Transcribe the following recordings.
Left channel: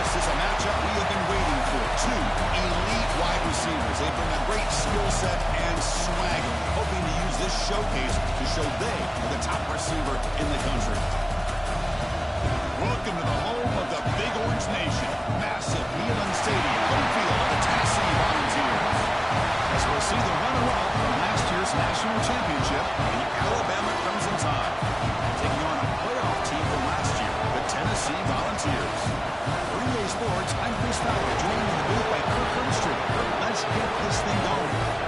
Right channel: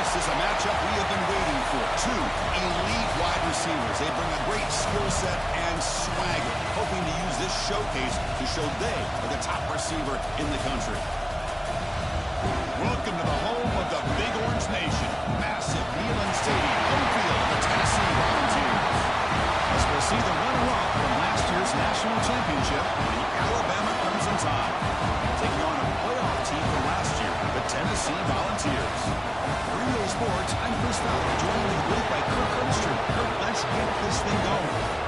This is a matchup we have been waiting for. Two elite wide receivers. They bring a great skill set and swagger, hoping to use this showcase to show they are the top receiver in the country. Welcome to the home of the Big Orange Nation. Massive Neyland Stadium, home field of the Tennessee Volunteers. As we'll see the runner-up from last year's national championship, the Alabama Crimson Tide, taking on a playoff team from last year, the Tennessee Volunteers. For EA Sports, I'm Chris Fowler, joined in the booth by Kirk Herbstreit. Kirk, let's get this thing going.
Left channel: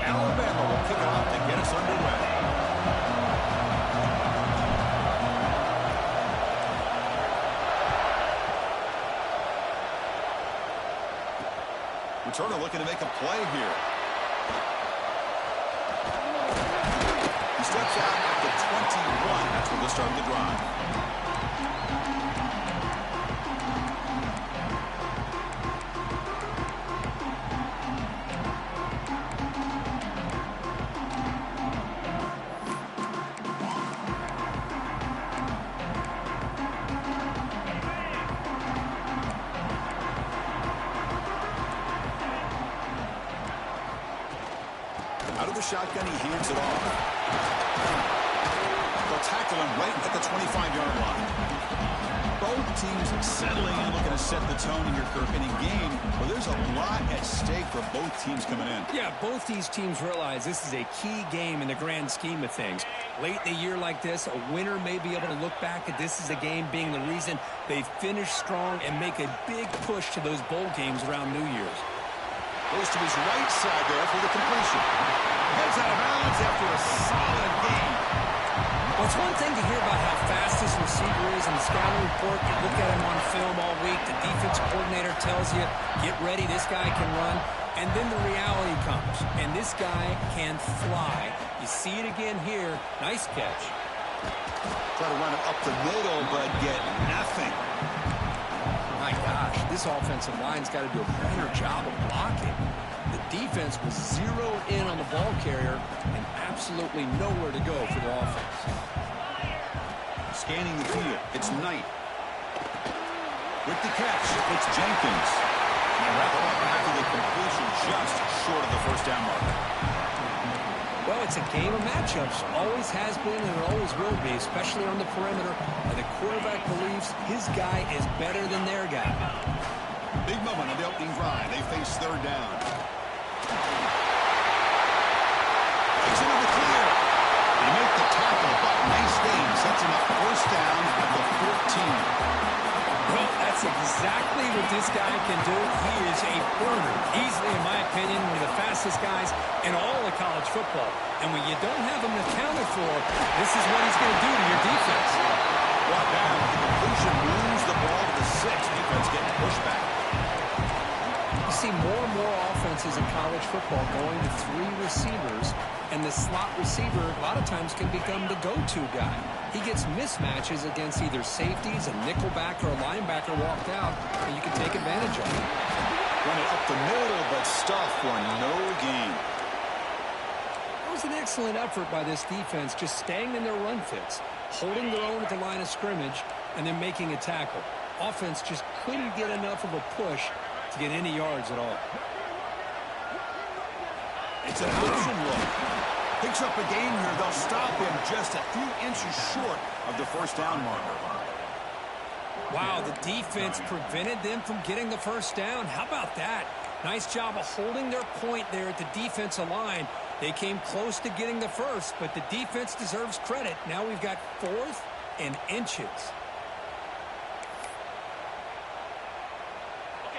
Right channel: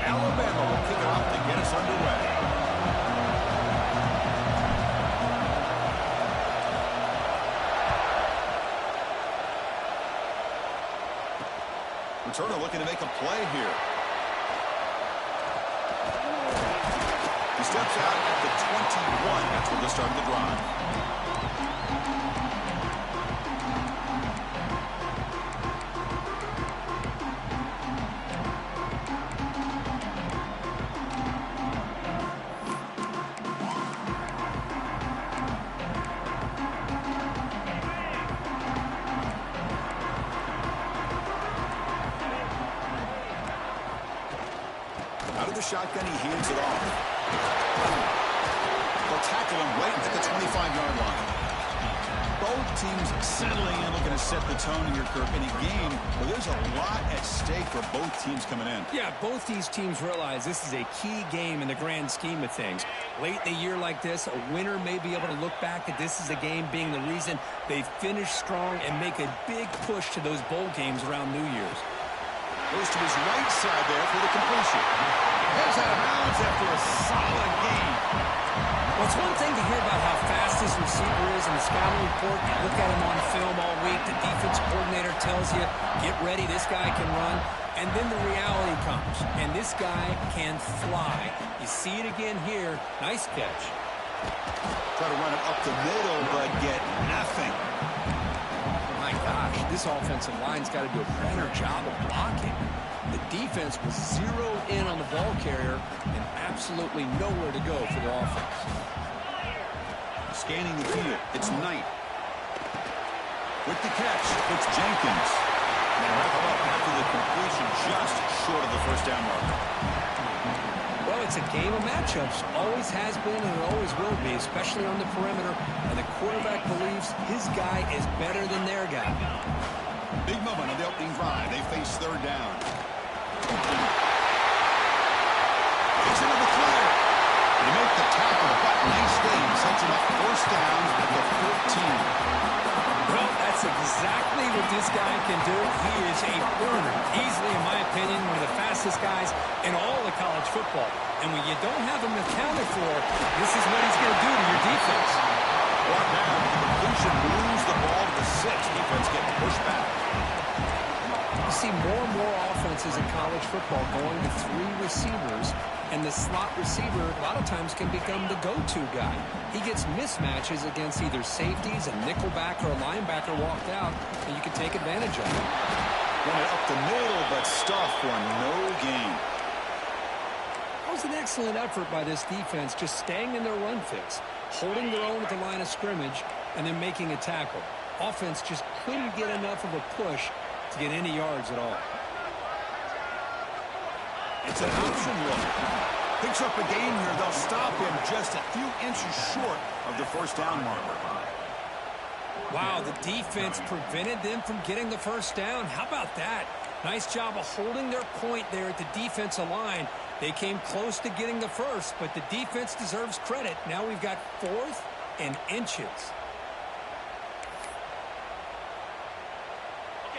Alabama will kick it off to get us underway. Returner looking to make a play here. He steps out at the 21. That's where they'll start the drive. Out of the shotgun, he hands it off. They'll tackle him right at the 25-yard line. Both teams settling in, looking to set the tone here, Kirk, in a game where there's a lot at stake for both teams coming in. Yeah, both these teams realize this is a key game in the grand scheme of things. Late in a year like this, a winner may be able to look back at this as a game being the reason they finish strong and make a big push to those bowl games around New Year's. Goes to his right side there for the completion. Heads out of bounds after a solid gain. Well, it's one thing to hear about how fast this receiver is in the scouting report. You look at him on film all week. The defense coordinator tells you, get ready, this guy can run. And then the reality comes, and this guy can fly. You see it again here. Nice catch. Try to run it up the middle, but get nothing. My gosh, this offensive line's got to do a better job of blocking. The defense was zeroed in on the ball carrier and absolutely nowhere to go for the offense. Scanning the field, it's Knight. With the catch, it's Jenkins. And they wrap it up after the completion, just short of the first down marker. Well, it's a game of matchups. Always has been and it always will be, especially on the perimeter. And the quarterback believes his guy is better than their guy. Big moment on the opening drive. They face third down. Breaks into the clear. They make the tackle, but nice game. Sets him up first down at the 14. Well, that's exactly what this guy can do. He is a burner. Easily, in my opinion, one of the fastest guys in all of college football. And when you don't have him accounted for, this is what he's going to do to your defense. Brought down. The completion moves the ball to the 6. Defense getting pushed back. You see more and more offenses in college football going to 3 receivers, and the slot receiver a lot of times can become the go-to guy. He gets mismatches against either safeties, a nickelback, or a linebacker walked out, and you can take advantage of it. Run it up the middle, but stuff for no gain. That was an excellent effort by this defense, just staying in their run fits, holding their own at the line of scrimmage, and then making a tackle. Offense just couldn't get enough of a push to get any yards at all. It's an option look. Picks up a gain here. They'll stop him just a few inches short of the first down marker. Wow, the defense prevented them from getting the first down. How about that? Nice job of holding their point there at the defensive line. They came close to getting the first, but the defense deserves credit. Now we've got 4th and inches.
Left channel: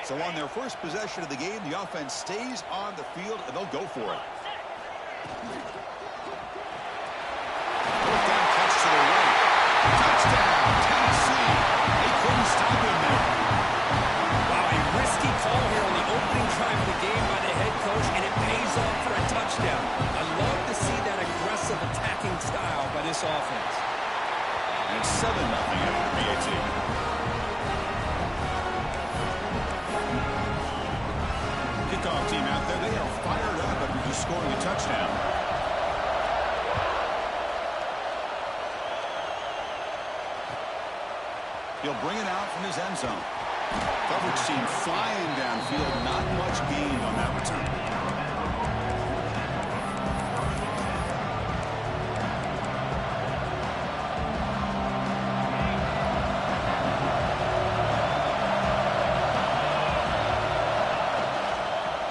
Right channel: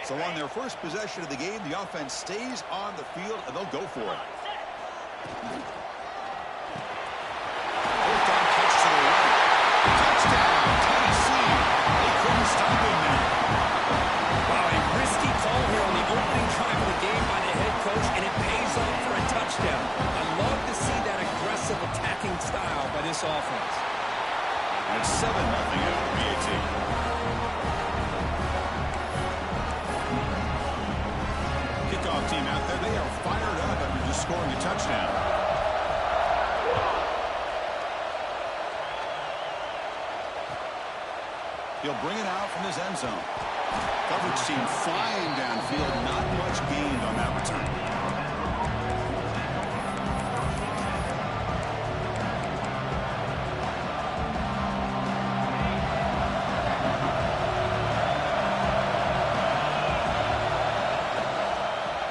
So on their first possession of the game, the offense stays on the field, and they'll go for it. Fourth down catch Touchdown, Tennessee. They couldn't stop him there. Wow, a risky call here on the opening drive of the game by the head coach, and it pays off for a touchdown. I love to see that aggressive attacking style by this offense. And it's 7-0 after the PAT. Kickoff team out there, they are fired up after just scoring a touchdown. He'll bring it out from his end zone. Coverage team flying downfield, not much gained on that return.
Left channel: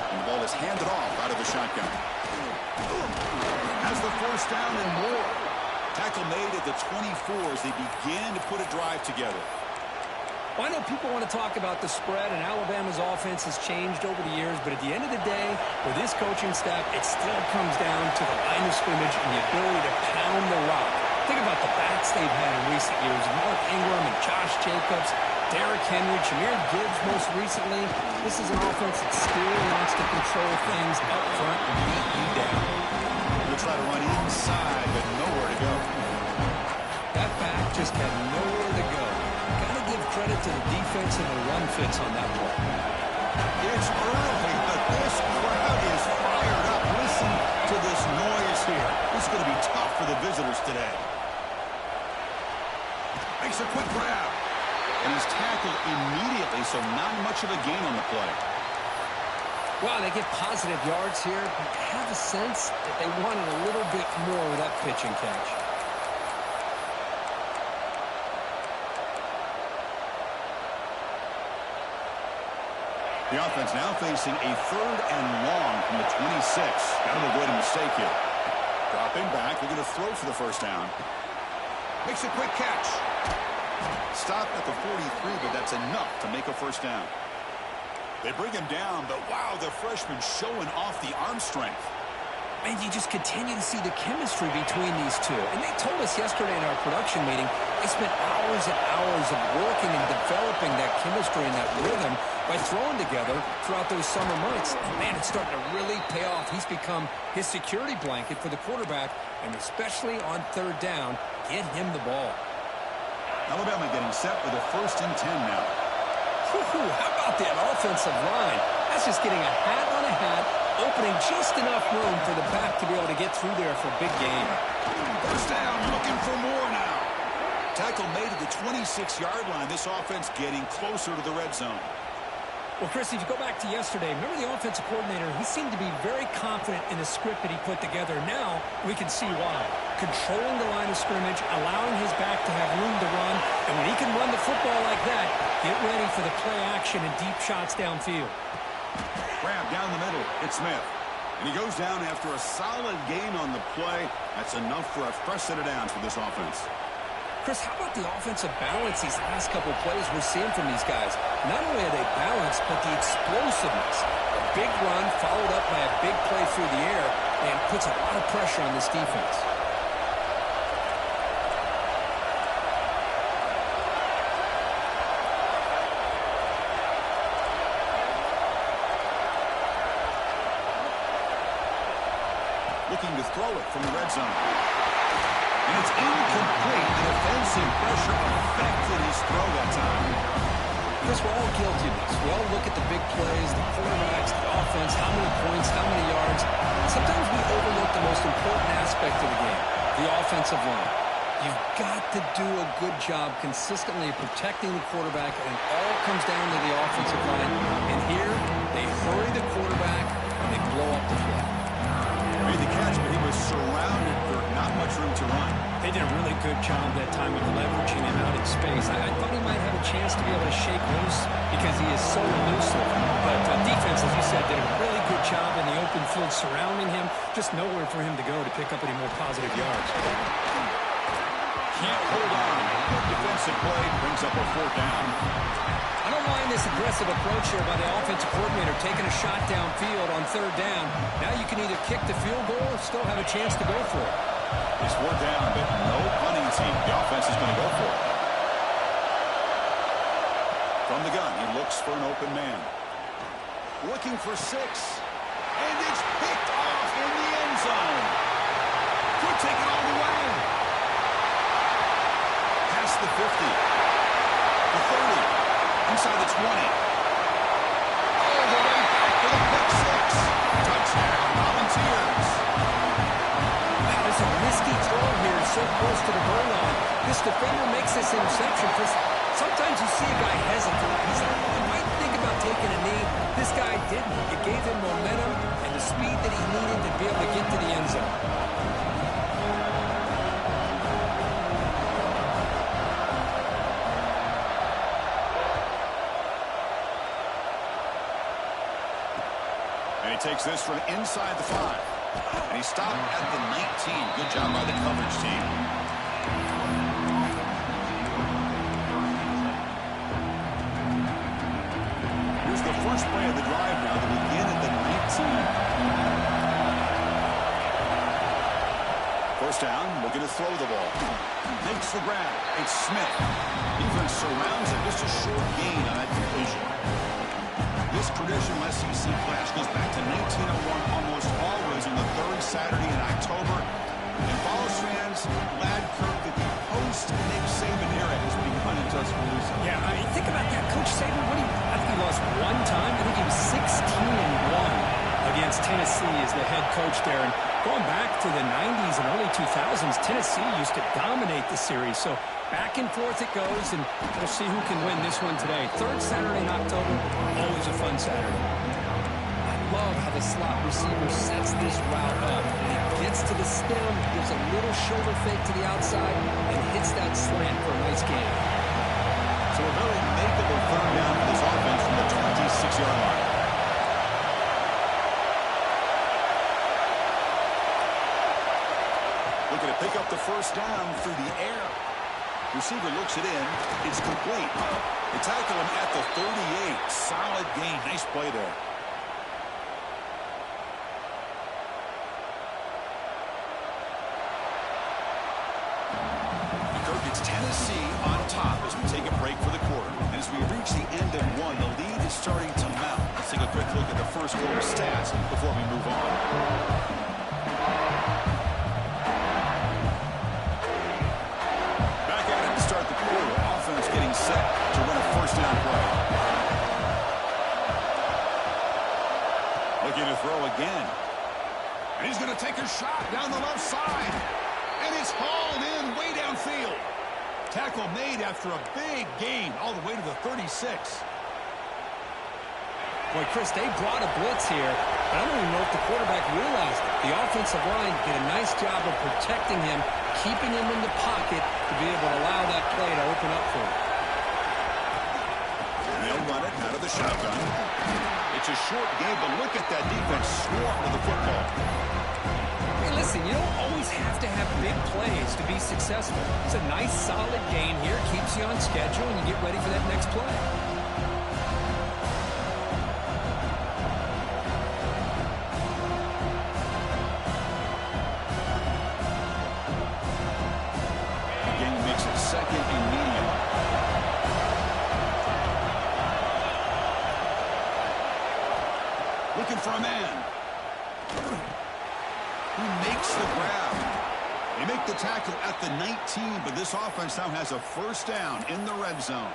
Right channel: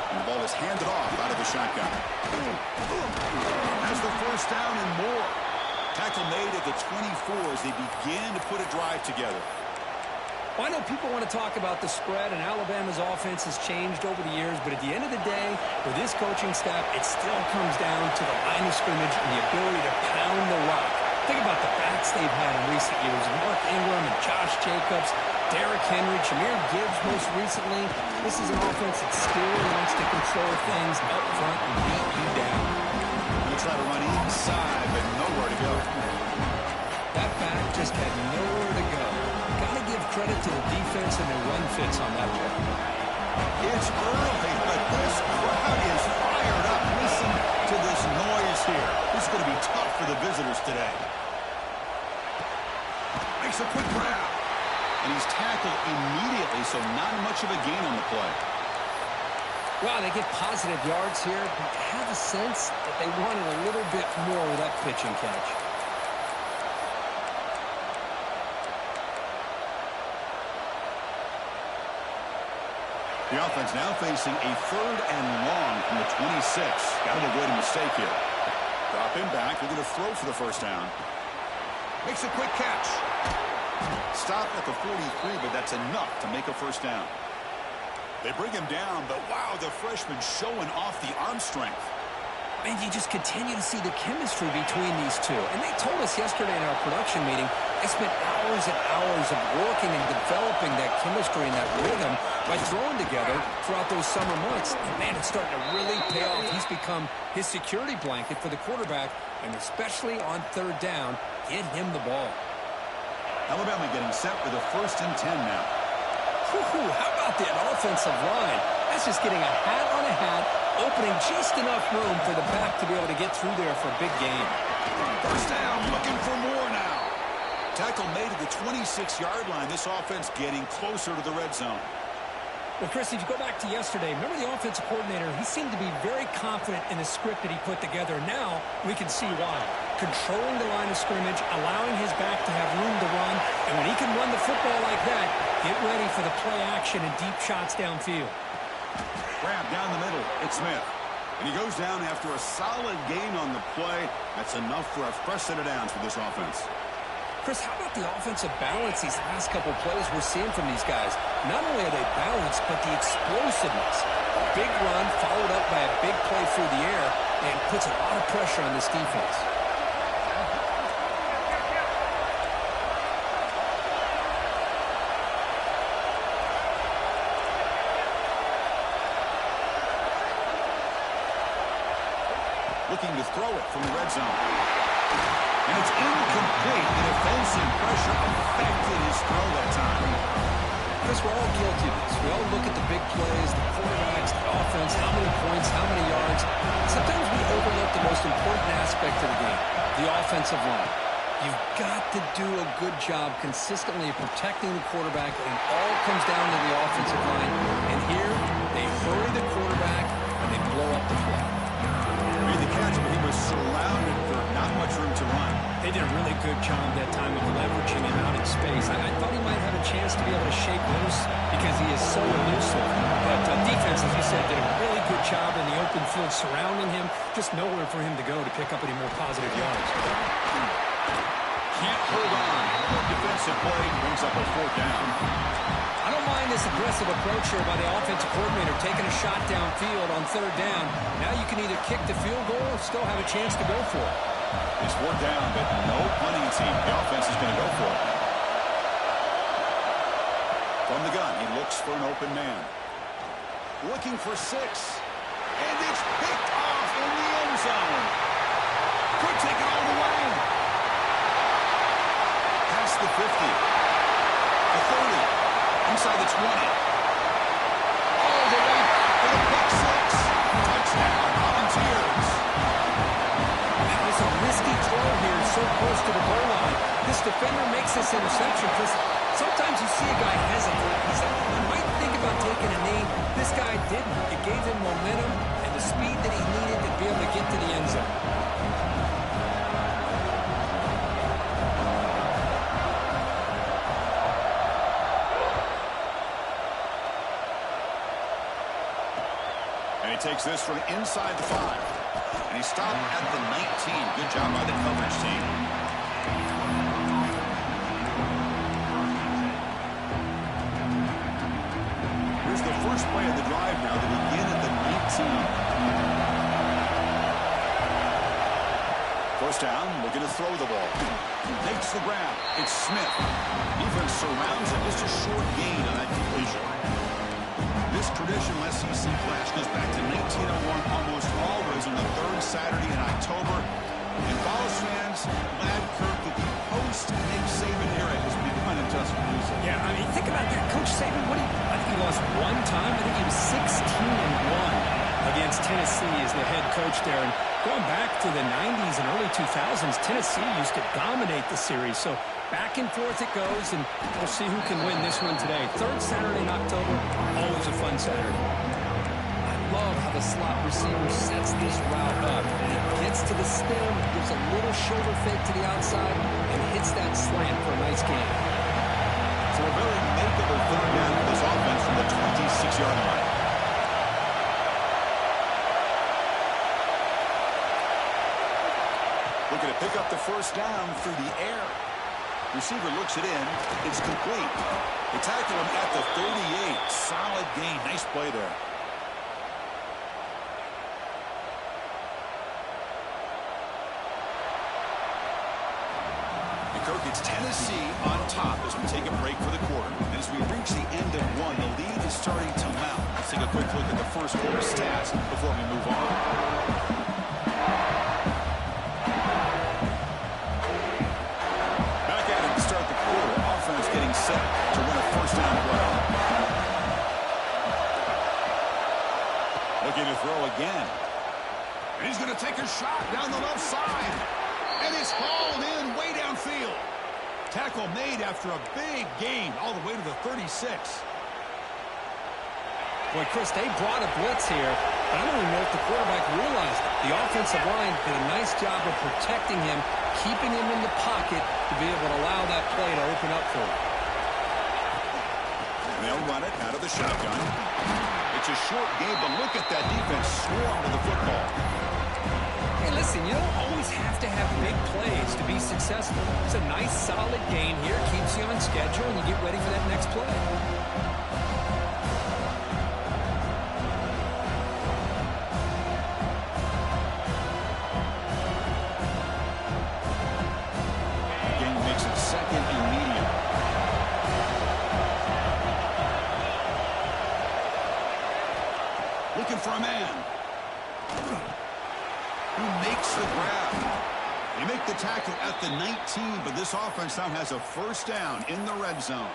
And the ball is handed off out of the shotgun. Has the first down and more. Tackle made at the 24 as they begin to put a drive together. Well, I know people want to talk about the spread, and Alabama's offense has changed over the years, but at the end of the day, with this coaching staff, it still comes down to the line of scrimmage and the ability to pound the rock. Think about the backs they've had in recent years. Mark Ingram and Josh Jacobs, Derrick Henry, Jahmyr Gibbs most recently. This is an offense that still wants to control things up front and beat you down. Going to try to run inside, but nowhere to go. That back just had nowhere to go. Got to give credit to the defense and their run fits on that play. It's early, but this crowd is fired up. Listen to this noise here. This is going to be tough for the visitors today. Makes a quick grab. And he's tackled immediately, so not much of a gain on the play. Wow, they get positive yards here. I have a sense that they wanted a little bit more with that pitch and catch. The offense now facing a 3rd and long from the 26. Got to avoid a mistake here. Drop in back. They're going to throw for the first down. Makes a quick catch. Stop at the 43, but that's enough to make a first down. They bring him down, but wow, the freshman showing off the arm strength. Man, you just continue to see the chemistry between these two. And they told us yesterday in our production meeting, they spent hours and hours of working and developing that chemistry and that rhythm by throwing together throughout those summer months. And man, it's starting to really pay off. He's become his security blanket for the quarterback, and especially on 3rd down, get him the ball. Alabama getting set for the 1st and 10 now. Whew, how about that offensive line? That's just getting a hat on a hat, opening just enough room for the back to be able to get through there for a big game. First down, looking for more now. Tackle made at the 26-yard line. This offense getting closer to the red zone. Well, Chris, if you go back to yesterday, remember the offensive coordinator, he seemed to be very confident in the script that he put together. Now we can see why. Controlling the line of scrimmage, allowing his back to have room to run, and when he can run the football like that, get ready for the play action and deep shots downfield. Grab down the middle. It's Smith. And he goes down after a solid gain on the play. That's enough for a fresh set of downs for this offense. Chris, how about the offensive balance these last couple plays we're seeing from these guys? Not only are they balanced, but the explosiveness. A big run followed up by a big play through the air, and puts a lot of pressure on this defense. Looking to throw it from the red zone. And it's incomplete. The defensive pressure affected his throw that time. Chris, we're all guilty of this. We all look at the big plays, the quarterbacks, the offense, how many points, how many yards. Sometimes we overlook the most important aspect of the game, the offensive line. You've got to do a good job consistently protecting the quarterback, and it all comes down to the offensive line. And here, they hurry the quarterback, and they blow up the play. Made the catch, but he was surrounded for not much room to run. They did a really good job that time of leveraging him out in space. I thought he might have a chance to be able to shake loose because he is so elusive. But defense, as you said, did a really good job in the open field surrounding him. Just nowhere for him to go to pick up any more positive yards. Can't hold on. Good defensive play brings up a 4th down. I don't mind this aggressive approach here by the offensive coordinator, taking a shot downfield on 3rd down. Now you can either kick the field goal or still have a chance to go for it. It's 4th down, but no punting team. The offense is going to go for it. From the gun, he looks for an open man. Looking for 6. And it's picked off in the end zone. Could take it all the way. Past the 50. The 30. Inside the 20. All the way back for the pick 6. Touchdown, Volunteers. It's a risky throw here, so close to the goal line. This defender makes this interception because sometimes you see a guy hesitate. He's like, I might think about taking a knee. This guy didn't. It gave him momentum and the speed that he needed to be able to get to the end zone. And he takes this from inside the 5. And he stopped at the 19. Good job by the coverage team. Here's the first play of the drive now. They begin at the 19. First down, looking to throw the ball. Makes the grab. It's Smith. Defense surrounds him. Just a short gain on that completion. This traditional SEC clash goes back to 1901, almost always on the 3rd Saturday in October. And Follows fans glad, Kirk, that the post-Nick Saban era has begun in Tuscaloosa. Yeah, I mean, think about that. Coach Saban, I think he lost one time. I think he was 16-1 against Tennessee as the head coach there. And going back to the 90s and early 2000s, Tennessee used to dominate the series. So back and forth it goes, and we'll see who can win this one today. 3rd Saturday in October, always a fun Saturday. I love how the slot receiver sets this route up. He gets to the stem, gives a little shoulder fake to the outside, and hits that slant for a nice gain. So a very makeable 3rd down for this offense from the 26-yard line. Looking to pick up the first down through the air. Receiver looks it in. It's complete. They tackle him at the 38. Solid gain. Nice play there. And Kirk, it's Tennessee on top as we take a break for the quarter. And as we reach the end of one, the lead is starting to mount. Let's take a quick look at the first quarter stats before we move on. Start the quarter. Offense getting set to run a first down play. Looking to throw again. And he's going to take a shot down the left side. And it's hauled in way downfield. Tackle made after a big gain all the way to the 36. Boy, Chris, they brought a blitz here, but I don't even know if the quarterback realized it. The offensive line did a nice job of protecting him, keeping him in the pocket to be able to allow that play to open up for him. And they'll run it out of the shotgun. It's a short game, but look at that defense swarm to the football. Hey, listen, you don't always have to have big plays to be successful. It's a nice, solid gain here, keeps you on schedule, and you get ready for that next play. Second and medium. Looking for a man. Who makes the grab. They make the tackle at the 19, but this offense now has a first down in the red zone.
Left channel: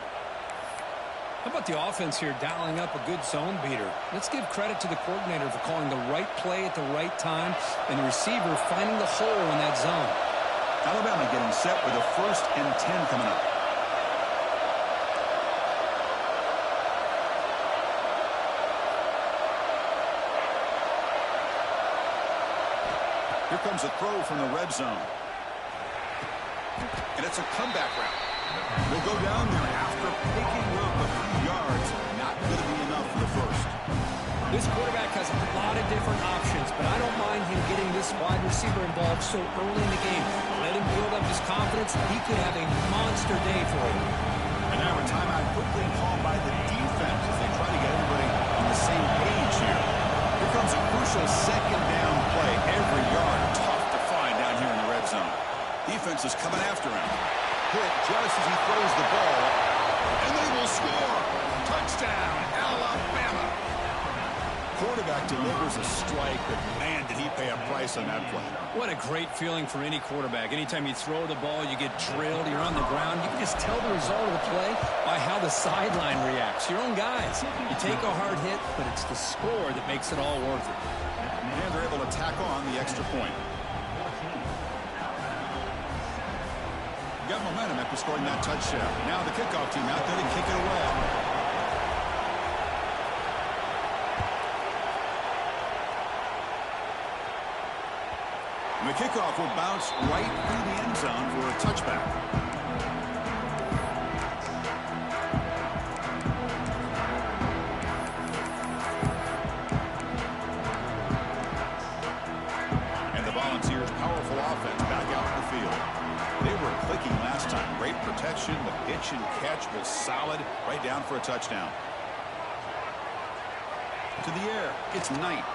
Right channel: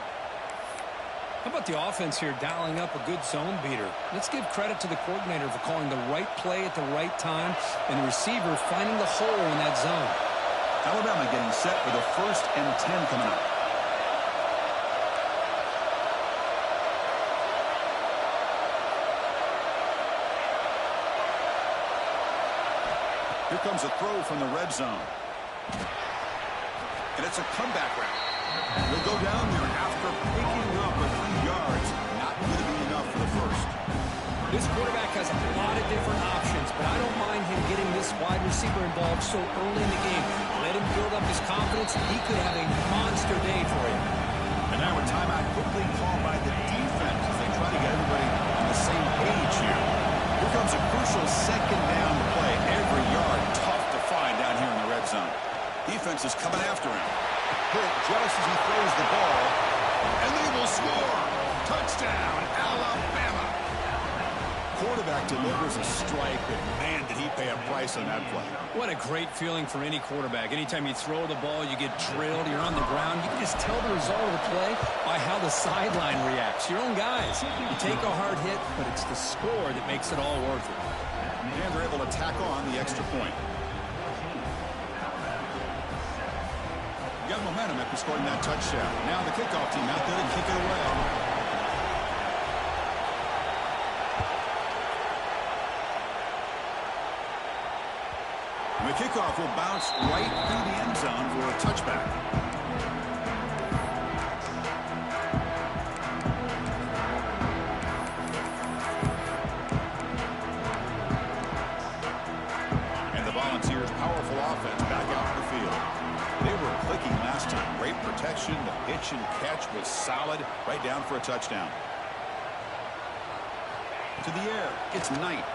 How about the offense here dialing up a good zone beater? Let's give credit to the coordinator for calling the right play at the right time and the receiver finding the hole in that zone. Alabama getting set with a 1st and 10 coming up. Here comes a throw from the red zone. And it's a comeback route. They'll go down there after picking up a few yards. Not going to be enough for the first. This quarterback has a lot of different options, but I don't mind him getting this wide receiver involved so early in the game. Let him build up his confidence. He could have a monster day for you. And now a timeout quickly called by the defense as they try to get everybody on the same page here. Here comes a crucial 2nd down play. Every yard tough to find down here in the red zone. Defense is coming after him. Hit just as he throws the ball, and they will score. Touchdown, Alabama. Quarterback delivers a strike, but man, did he pay a price on that play. What a great feeling for any quarterback. Anytime you throw the ball, you get drilled, you're on the ground. You can just tell the result of the play by how the sideline reacts. Your own guys. You take a hard hit, but it's the score that makes it all worth it. And they're able to tack on the extra point. Got momentum after scoring that touchdown. Now the kickoff team out there to kick it away. And the kickoff will bounce right through the end zone for a touchback. And the Volunteers' powerful offense back out in the field. They were clicking last time. Great protection. The pitch and catch was solid. Right down for a touchdown. To the air. It's Knight.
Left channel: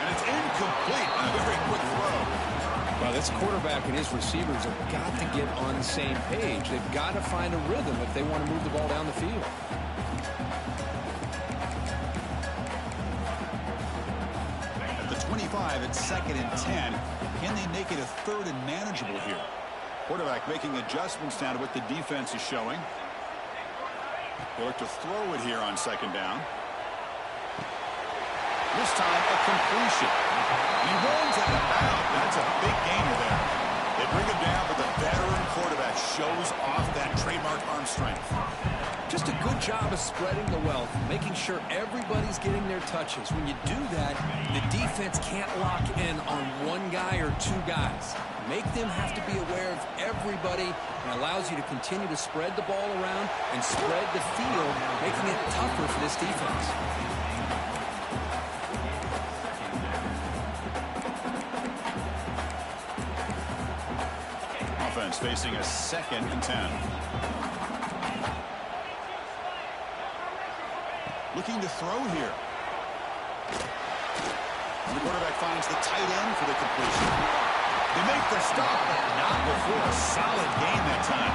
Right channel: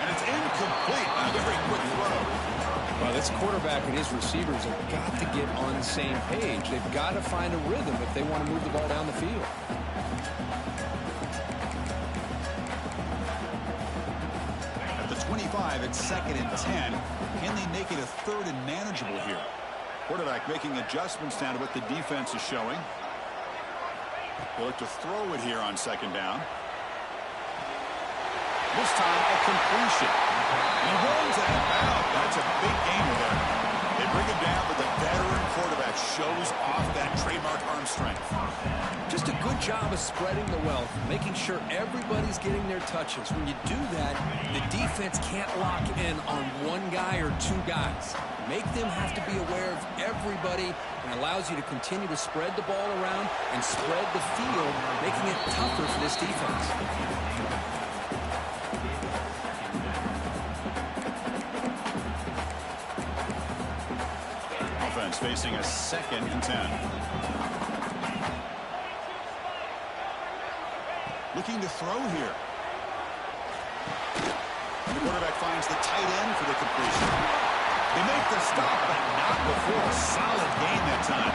And it's incomplete on a very quick throw. Well, this quarterback and his receivers have got to get on the same page. They've got to find a rhythm if they want to move the ball down the field. At the 25, it's 2nd and 10. Can they make it a 3rd and manageable here? Quarterback making adjustments now to what the defense is showing. They'll look to throw it here on 2nd down. This time a completion. And he runs out of bounds. That's a big gainer there. They bring him down, but the veteran quarterback shows off that trademark arm strength. Just a good job of spreading the wealth, making sure everybody's getting their touches. When you do that, the defense can't lock in on one guy or two guys. Make them have to be aware of everybody, and allows you to continue to spread the ball around and spread the field, making it tougher for this defense. Offense facing a 2nd and 10. Looking to throw here. And the quarterback finds the tight end for the completion. They make the stop, but not before a solid gain that time.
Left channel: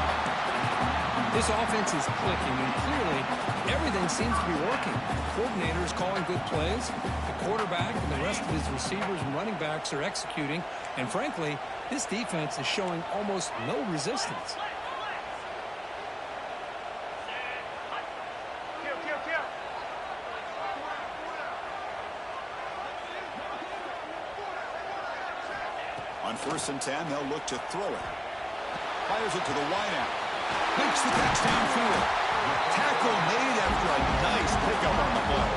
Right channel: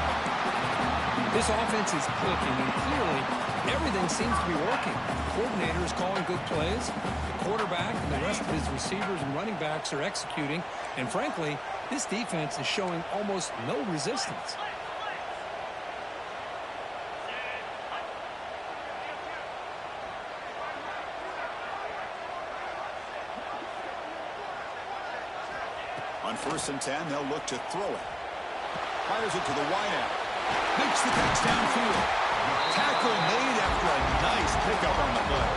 This offense is clicking, and clearly everything seems to be working. The coordinator is calling good plays. The quarterback and the rest of his receivers and running backs are executing. And frankly, this defense is showing almost no resistance. On 1st and 10, they'll look to throw it. Fires it to the wideout. Makes the catch downfield. Tackle made after a nice pickup on the play.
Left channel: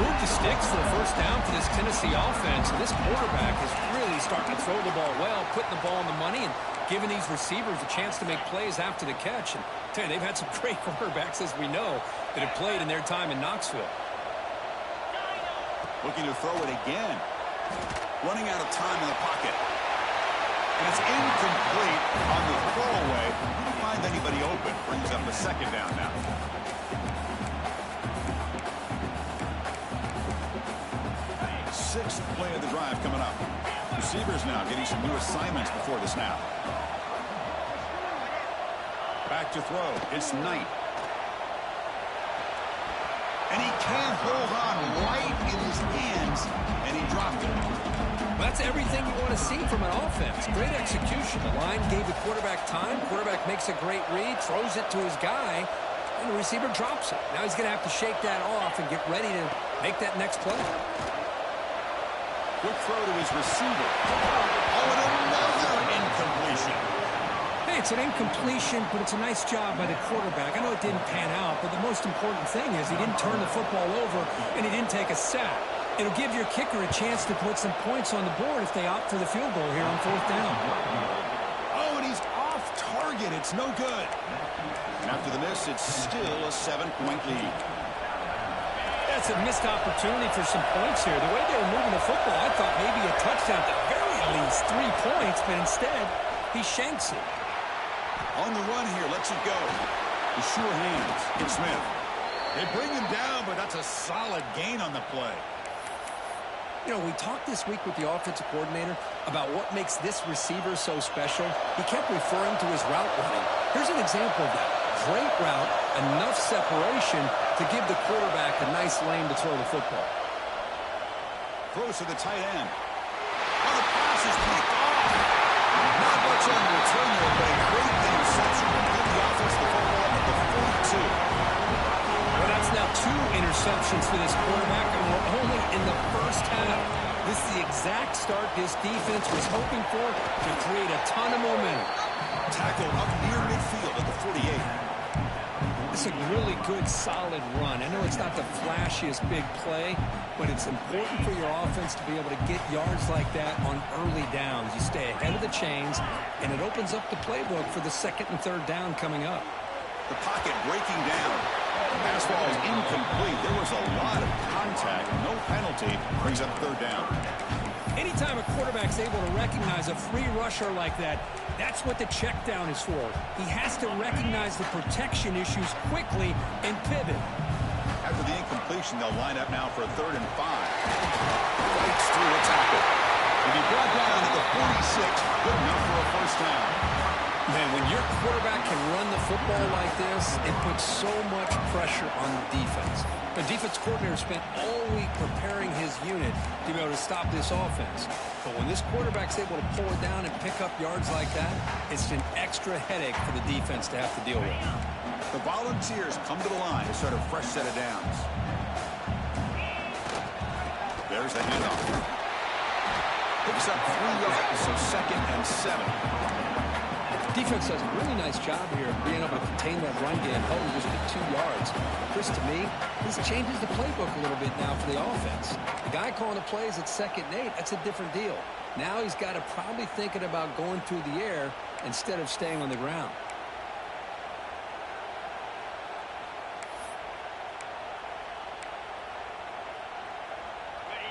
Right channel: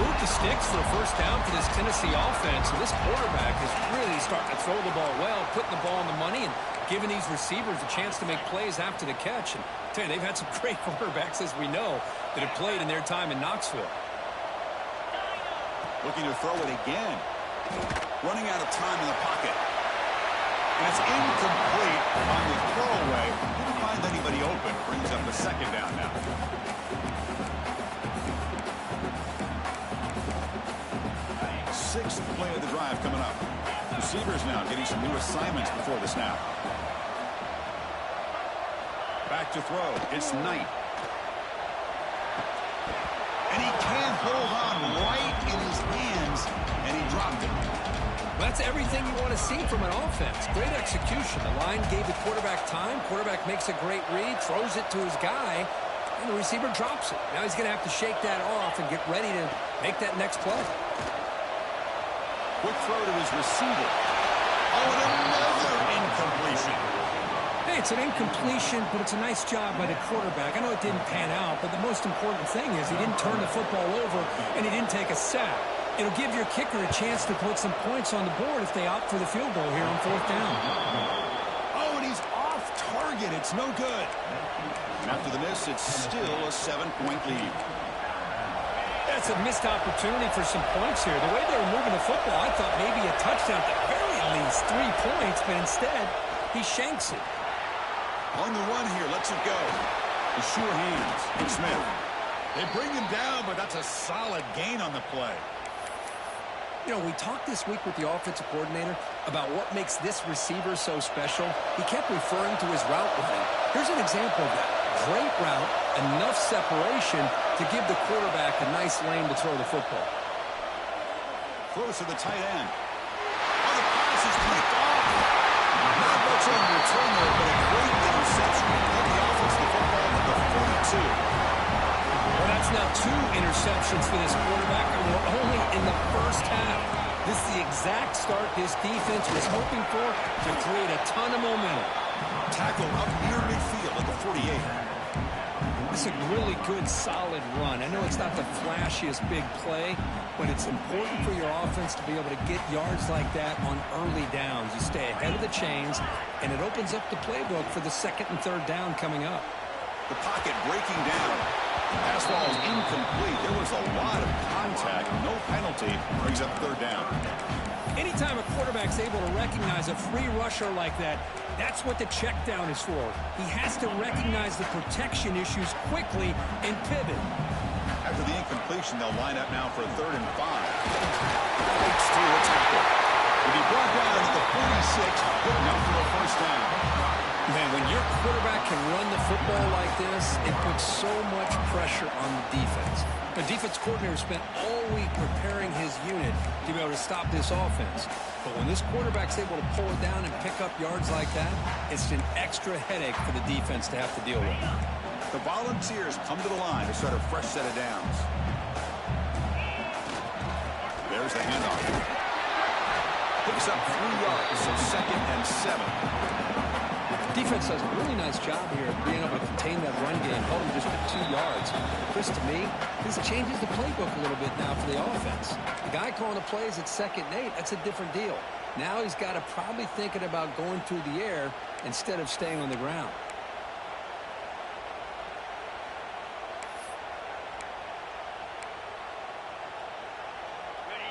Move the sticks for a 1st down for this Tennessee offense. And this quarterback is really starting to throw the ball well, putting the ball on the money, and giving these receivers a chance to make plays after the catch. And I tell you, they've had some great quarterbacks, as we know, that have played in their time in Knoxville. Looking to throw it again. Running out of time in the pocket. And it's incomplete on the throwaway. Didn't find anybody open. Brings up a 2nd down now. Sixth play of the drive coming up. Receivers now getting some new assignments before the snap. Back to throw. It's Knight. And he can't hold on right in his hands, and he dropped it. That's everything you want to see from an offense. Great execution. The line gave the quarterback time. Quarterback makes a great read, throws it to his guy, and the receiver drops it. Now he's going to have to shake that off and get ready to make that next play. Quick throw to his receiver. Oh, and another incompletion. Hey, it's an incompletion, but it's a nice job by the quarterback. I know it didn't pan out, but the most important thing is he didn't turn the football over, and he didn't take a sack. It'll give your kicker a chance to put some points on the board if they opt for the field goal here on 4th down. Oh, and he's off target. It's no good. And after the miss, it's still a 7-point lead. That's a missed opportunity for some points here. The way they were moving the football, I thought maybe a touchdown, at the very least 3 points, but instead he shanks it. On the run here, lets it go. The sure hands. It's Smith. They bring him down, but that's a solid gain on the play. You know, we talked this week with the offensive coordinator about what makes this receiver so special. He kept referring to his route running. Here's an example of that. Great route, enough separation to give the quarterback a nice lane to throw the football. Throws to the tight end. Oh, the pass is picked off. Not much on return there, but a great interception to give the offense the football at the 42. Well, that's now 2 interceptions for this quarterback, and we're only in the first half. This is the exact start this defense was hoping for to create a ton of momentum. Tackle up near midfield at the 48. It's a really good, solid run. I know it's not the flashiest big play, but it's important for your offense to be able to get yards like that on early downs. You stay ahead of the chains, and it opens up the playbook for the 2nd and 3rd down coming up. The pocket breaking down. Pass ball is incomplete. There was a lot of contact. No penalty. Brings up 3rd down. Anytime a quarterback's able to recognize a free rusher like that, that's what the check down is for. He has to recognize the protection issues quickly and pivot. After the incompletion, they'll line up now for a 3rd and 5. Fights through a tackle. He'll be brought down at the 46. Good enough for a 1st down. Man, when your quarterback can run the football like this, it puts so much pressure on the defense. The defense coordinator spent all week preparing his unit to be able to stop this offense. But when this quarterback's able to pull it down and pick up yards like that, it's an extra headache for the defense to have to deal with. The Volunteers come to the line to start a fresh set of downs. There's the handoff. Picks up 3 yards, so 2nd and 7. Defense does a really nice job here of being able to contain that run game, held him just at 2 yards. Chris, to me, this changes the playbook a little bit now for the offense. The guy calling the plays at 2nd and 8, that's a different deal. Now he's got to probably thinking about going through the air instead of staying on the ground.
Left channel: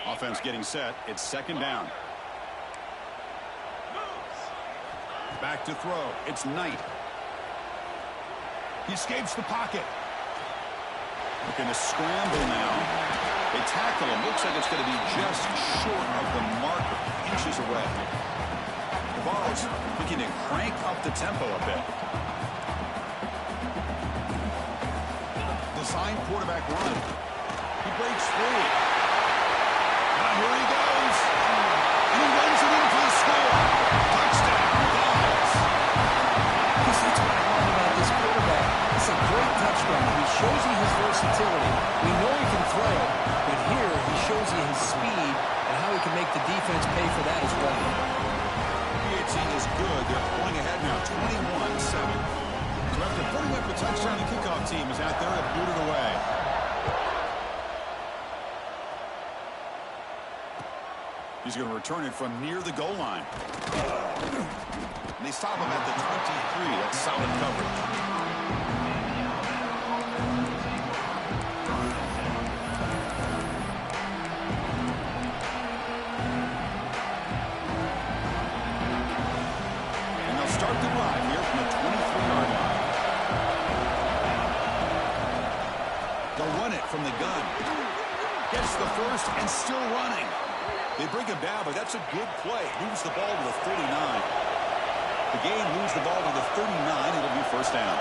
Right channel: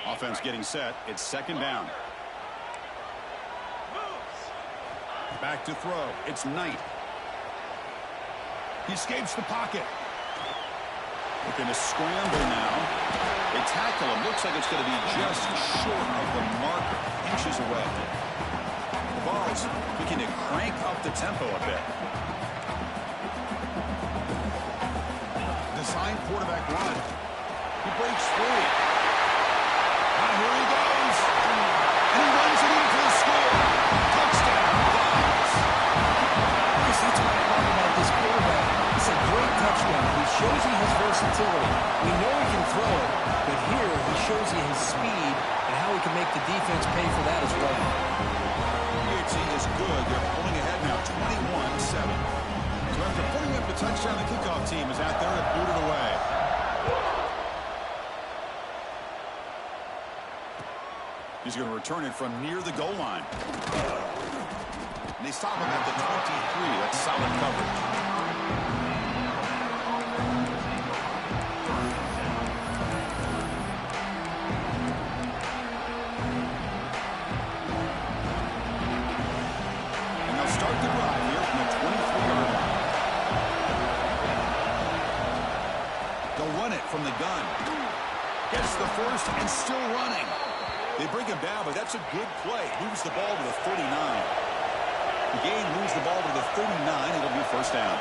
Offense getting set. It's 2nd down. Back to throw. It's Knight. He escapes the pocket. Looking to scramble now. They tackle him. Looks like it's going to be just short of the marker. Inches away. The Vols looking to crank up the tempo a bit. Design quarterback run. He breaks free. Now here he goes. And he runs it in for the score. Touchdown, Vols. Because that's what I love about this quarterback. It's a great touchdown. He shows you his versatility. We know he can throw it, but here he shows you his speed and how he can make the defense pay for that as well. PHC is good. They're pulling ahead now, 21-7. So after putting up the touchdown, the kickoff team is out there to boot it away. He's going to return it from near the goal line. And they stop him at the 23. That's solid coverage. And they'll start the drive here from the 23-yard line. They'll run it from the gun. Gets the first and still running. They bring him down, but that's a good play. Moves the ball to the 39. The game moves the ball to the 39. It'll be 1st down.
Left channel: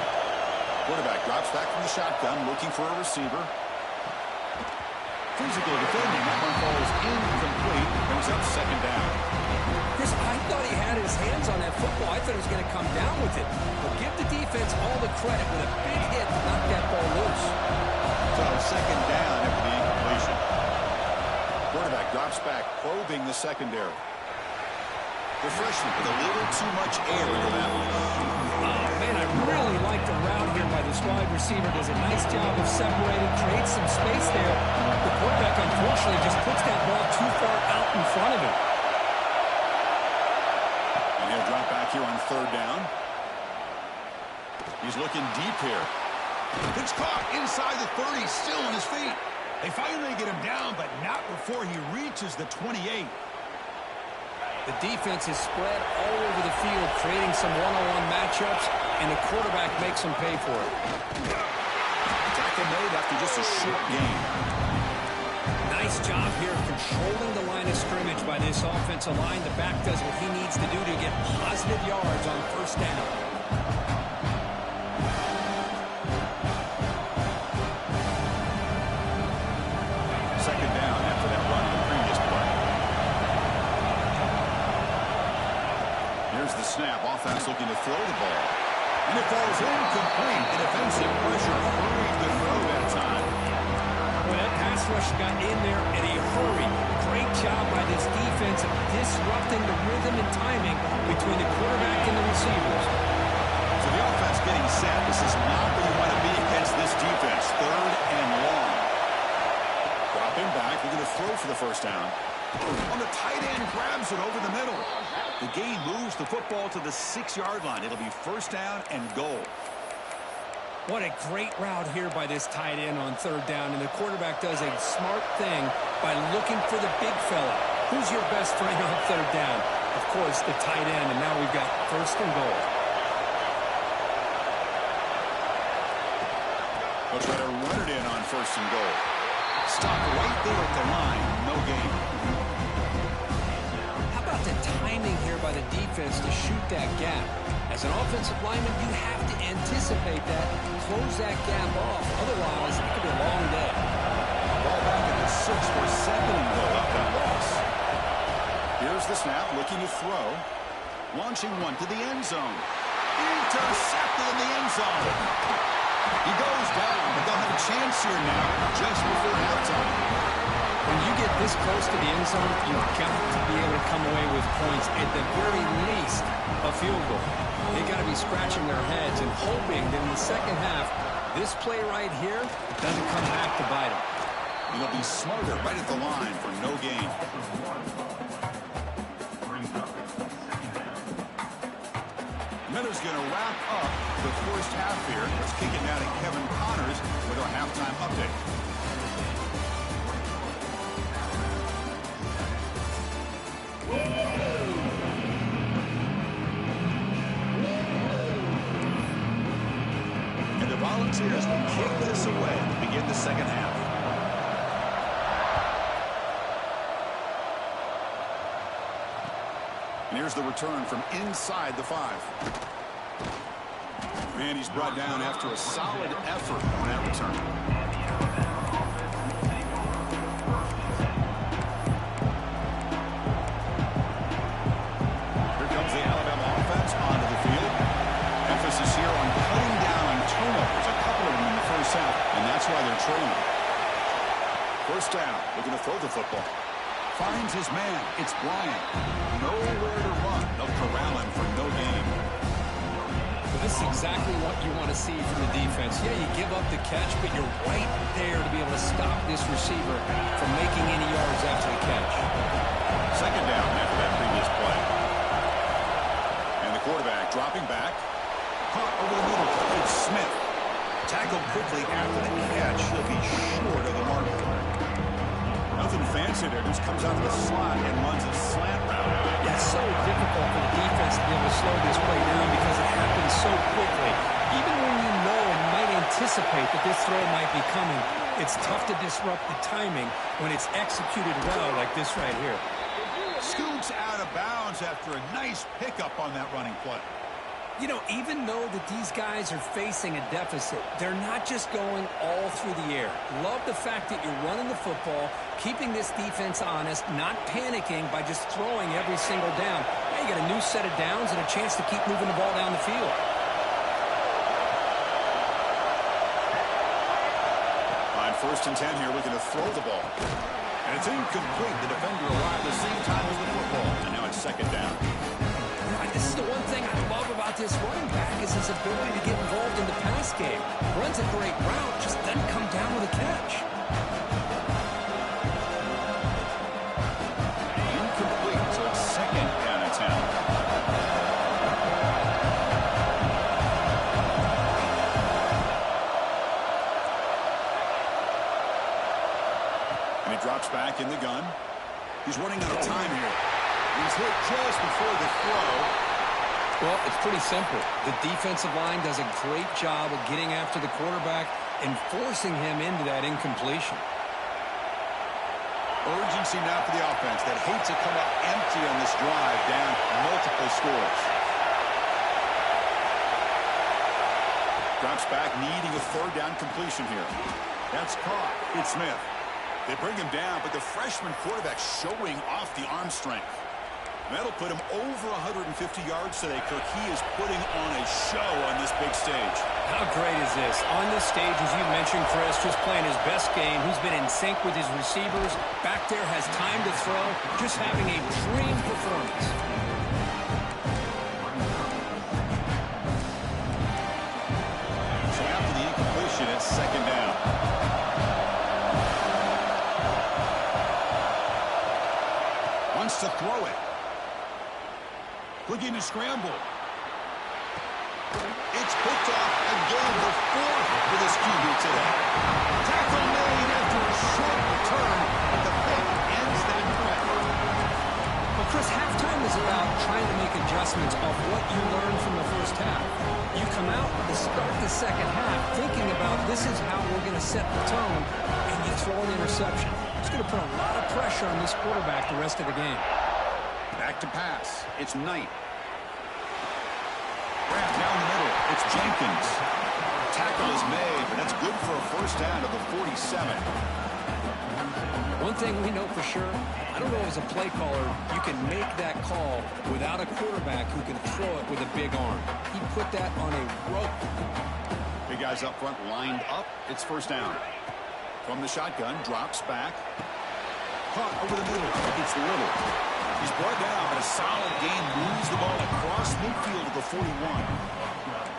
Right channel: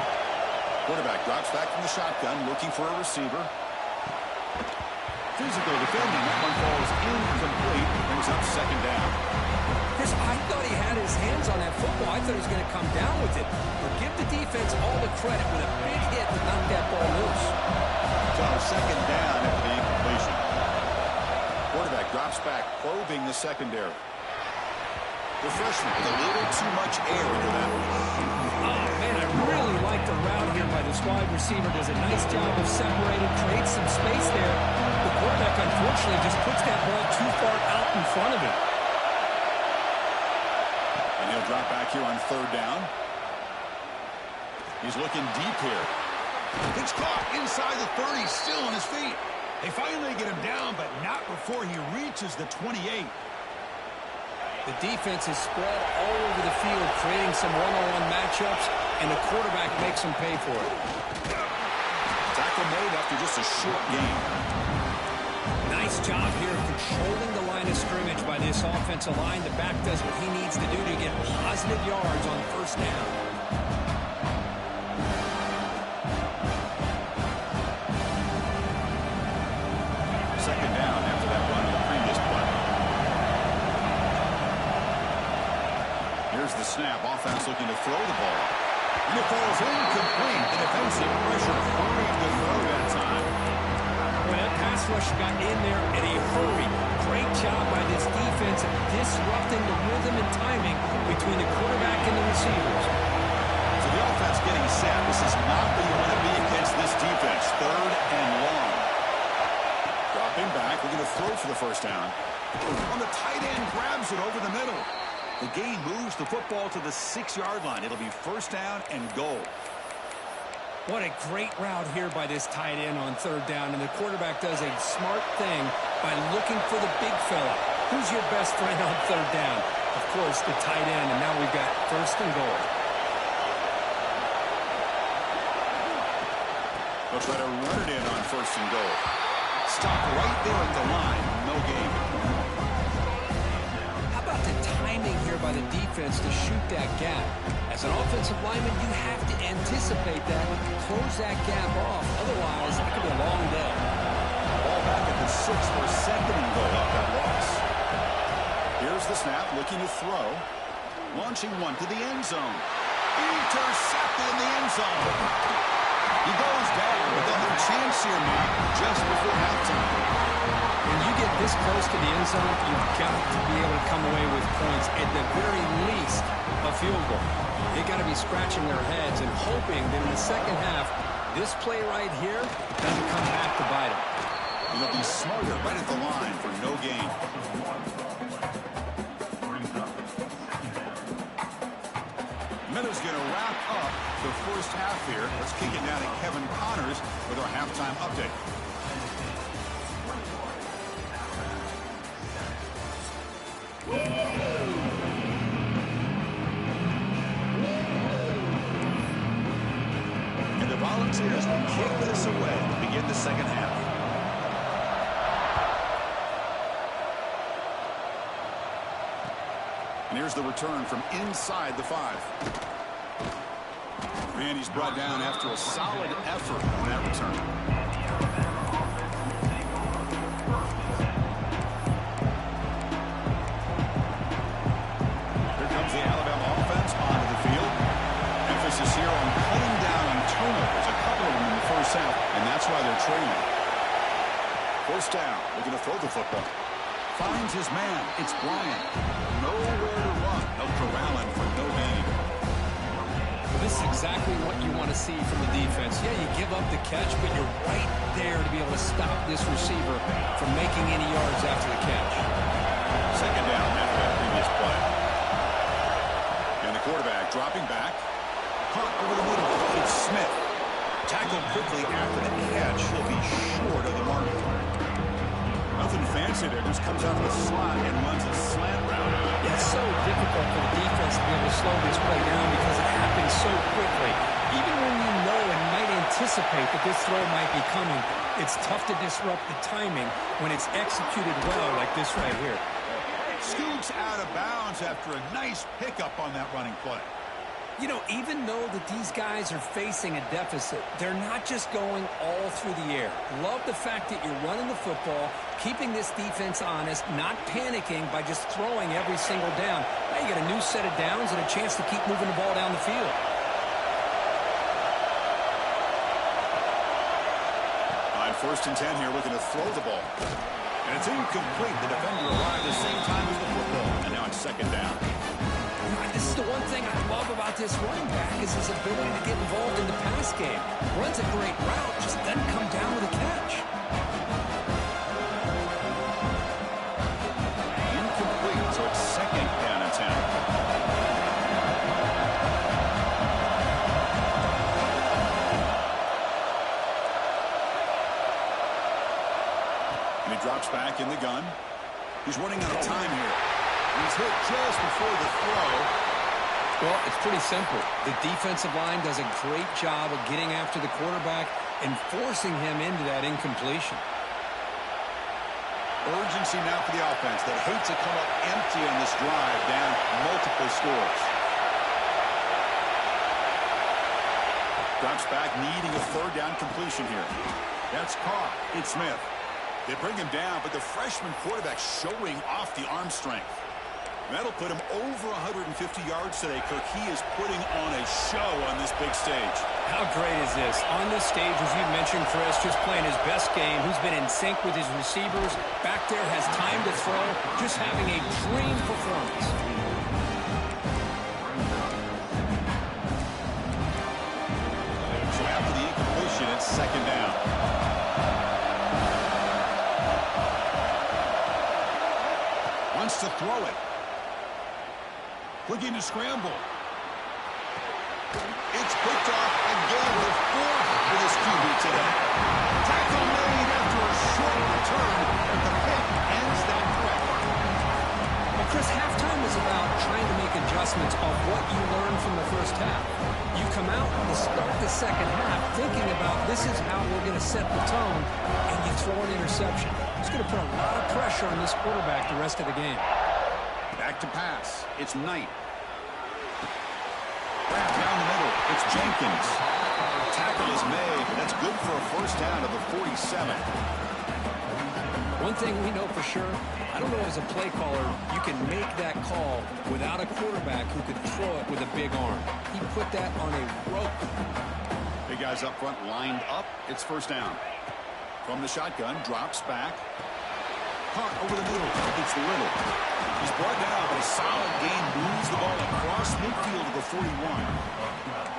Quarterback drops back from the shotgun, looking for a receiver. Physical defending. That one falls incomplete. Brings up 2nd down. Chris, I thought he had his hands on that football. I thought he was going to come down with it. But give the defense all the credit with a big hit to knock that ball loose. So 2nd down after the incompletion. Quarterback drops back, probing the secondary. The freshman with a little too much air into that one. Oh, man, I really like the route here by this wide receiver. Does a nice job of separating, creates some space there. The quarterback, unfortunately, just puts that ball too far out in front of him. And he'll drop back here on 3rd down. He's looking deep here. It's caught inside the 30, still on his feet. They finally get him down, but not before he reaches the 28. The defense is spread all over the field, creating some one-on-one matchups, and the quarterback makes them pay for it. Tackle made after just a short gain. Nice job here of controlling the line of scrimmage by this offensive line. The back does what he needs to do to get positive yards on first down. Second down after that run on the previous play. Here's the snap. Offense looking to throw the ball. And it falls incomplete. The defensive pressure hurried the throw that time. Well, that pass rush got in there in a hurry. Great job by this defense of disrupting the rhythm and timing between the quarterback and the receivers. So the offense getting set. This is not where you want to be against this defense. Third and long. Dropping back. We're going to throw for the first down. On the tight end, grabs it over the middle. The gain moves the football to the 6-yard line. It'll be first down and goal. What a great route here by this tight end on third down. And the quarterback does a smart thing by looking for the big fella. Who's your best friend on third down? Of course, the tight end. And now we've got first and goal. They'll try to run it in on first and goal. Stop right there at the line. No gain. How about the timing here by the defense to shoot that gap? As an offensive lineman, you have to anticipate that, close that gap off. Otherwise, it could be a long day. Ball back at the 6 for second and goal off that loss. Here's the snap, looking to throw. Launching one to the end zone. Intercepted in the end zone. He goes down, but they'll have a chance here now, just before halftime. When you get this close to the end zone, you've got to be able to come away with points, at the very least, a field goal. They got to be scratching their heads and hoping that in the second half, this play right here doesn't come back to bite them. It'll be smarter right at the line for no gain. Miller's going to wrap up the first half here. Let's kick it now to Kevin Connors with our halftime update. And the Volunteers will kick this away to begin the second half. And here's the return from inside the 5. And he's brought down after a solid effort on that return. Here comes the Alabama offense onto the field. Emphasis here on cutting down on turnovers, a couple of them in the first half, and that's why they're trailing. First down, looking to throw the football. Finds his man. It's Bryant. Nowhere to run. They'll corral him for no gain. Well, this is exactly what you want to see from the defense. Yeah, you give up the catch, but you're right there to be able to stop this receiver from making any yards after the catch. Second down after that previous play. And the quarterback dropping back. Caught over the middle. It's Smith. Tackled quickly after the catch. He'll be short of the mark. Nothing fancy there. Just comes out of the slot and runs a slant route. Yeah, it's so difficult for the defense to be able to slow this play down because it happens so quickly. Even when you know and might anticipate that this throw might be coming, it's tough to disrupt the timing when it's executed well like this right here. Scoots out of bounds after a nice pickup on that running play. You know, even though that these guys are facing a deficit, they're not just going all through the air. Love the fact that you're running the football, keeping this defense honest, not panicking by just throwing every single down. Now you got a new set of downs and a chance to keep moving the ball down the field. On 1st and 10 here, looking to throw the ball. And it's incomplete. The defender arrived the same time as the football. And now it's second down. This is the one thing I love about this running back is his ability to get involved in the pass game. Runs a great route, just doesn't come down with a catch. Incomplete, so it's second down and 10. And he drops back in the gun. He's running out of time here. He's hit just before the throw. Well, it's pretty simple. The defensive line does a great job of getting after the quarterback and forcing him into that incompletion. Urgency now for the offense that hates to come up empty on this drive, down multiple scores. Drops back, needing a third down completion here. That's caught. It's Smith. They bring him down, but the freshman quarterback showing off the arm strength. That'll put him over 150 yards today, Kirk. He is putting on a show on this big stage. How great is this? On this stage, as you mentioned, Chris, just playing his best game. He's been in sync with his receivers. Back there, has time to throw. Just having a dream performance. So after the incompletion, it's second down. Wants to throw it. Looking to scramble. It's picked off again, the fourth for this QB today. Tackle made after a short return, but the pick ends that threat. Well, Chris, halftime is about trying to make adjustments of what you learned from the first half. You come out to start the second half thinking about this is how we're going to set the tone, and you throw an interception. It's going to put a lot of pressure on this quarterback the rest of the game. Back to pass. It's Knight. Grab down the middle. It's Jenkins. Tackle is made, but that's good for a first down to the 47. One thing we know for sure, I don't know as a play caller, you can make that call without a quarterback who can throw it with a big arm. He put that on a rope. Big guys up front lined up. It's first down. From the shotgun, drops back. Caught over the middle. It's Little. He's brought down, but a solid gain moves the ball across midfield to the 41.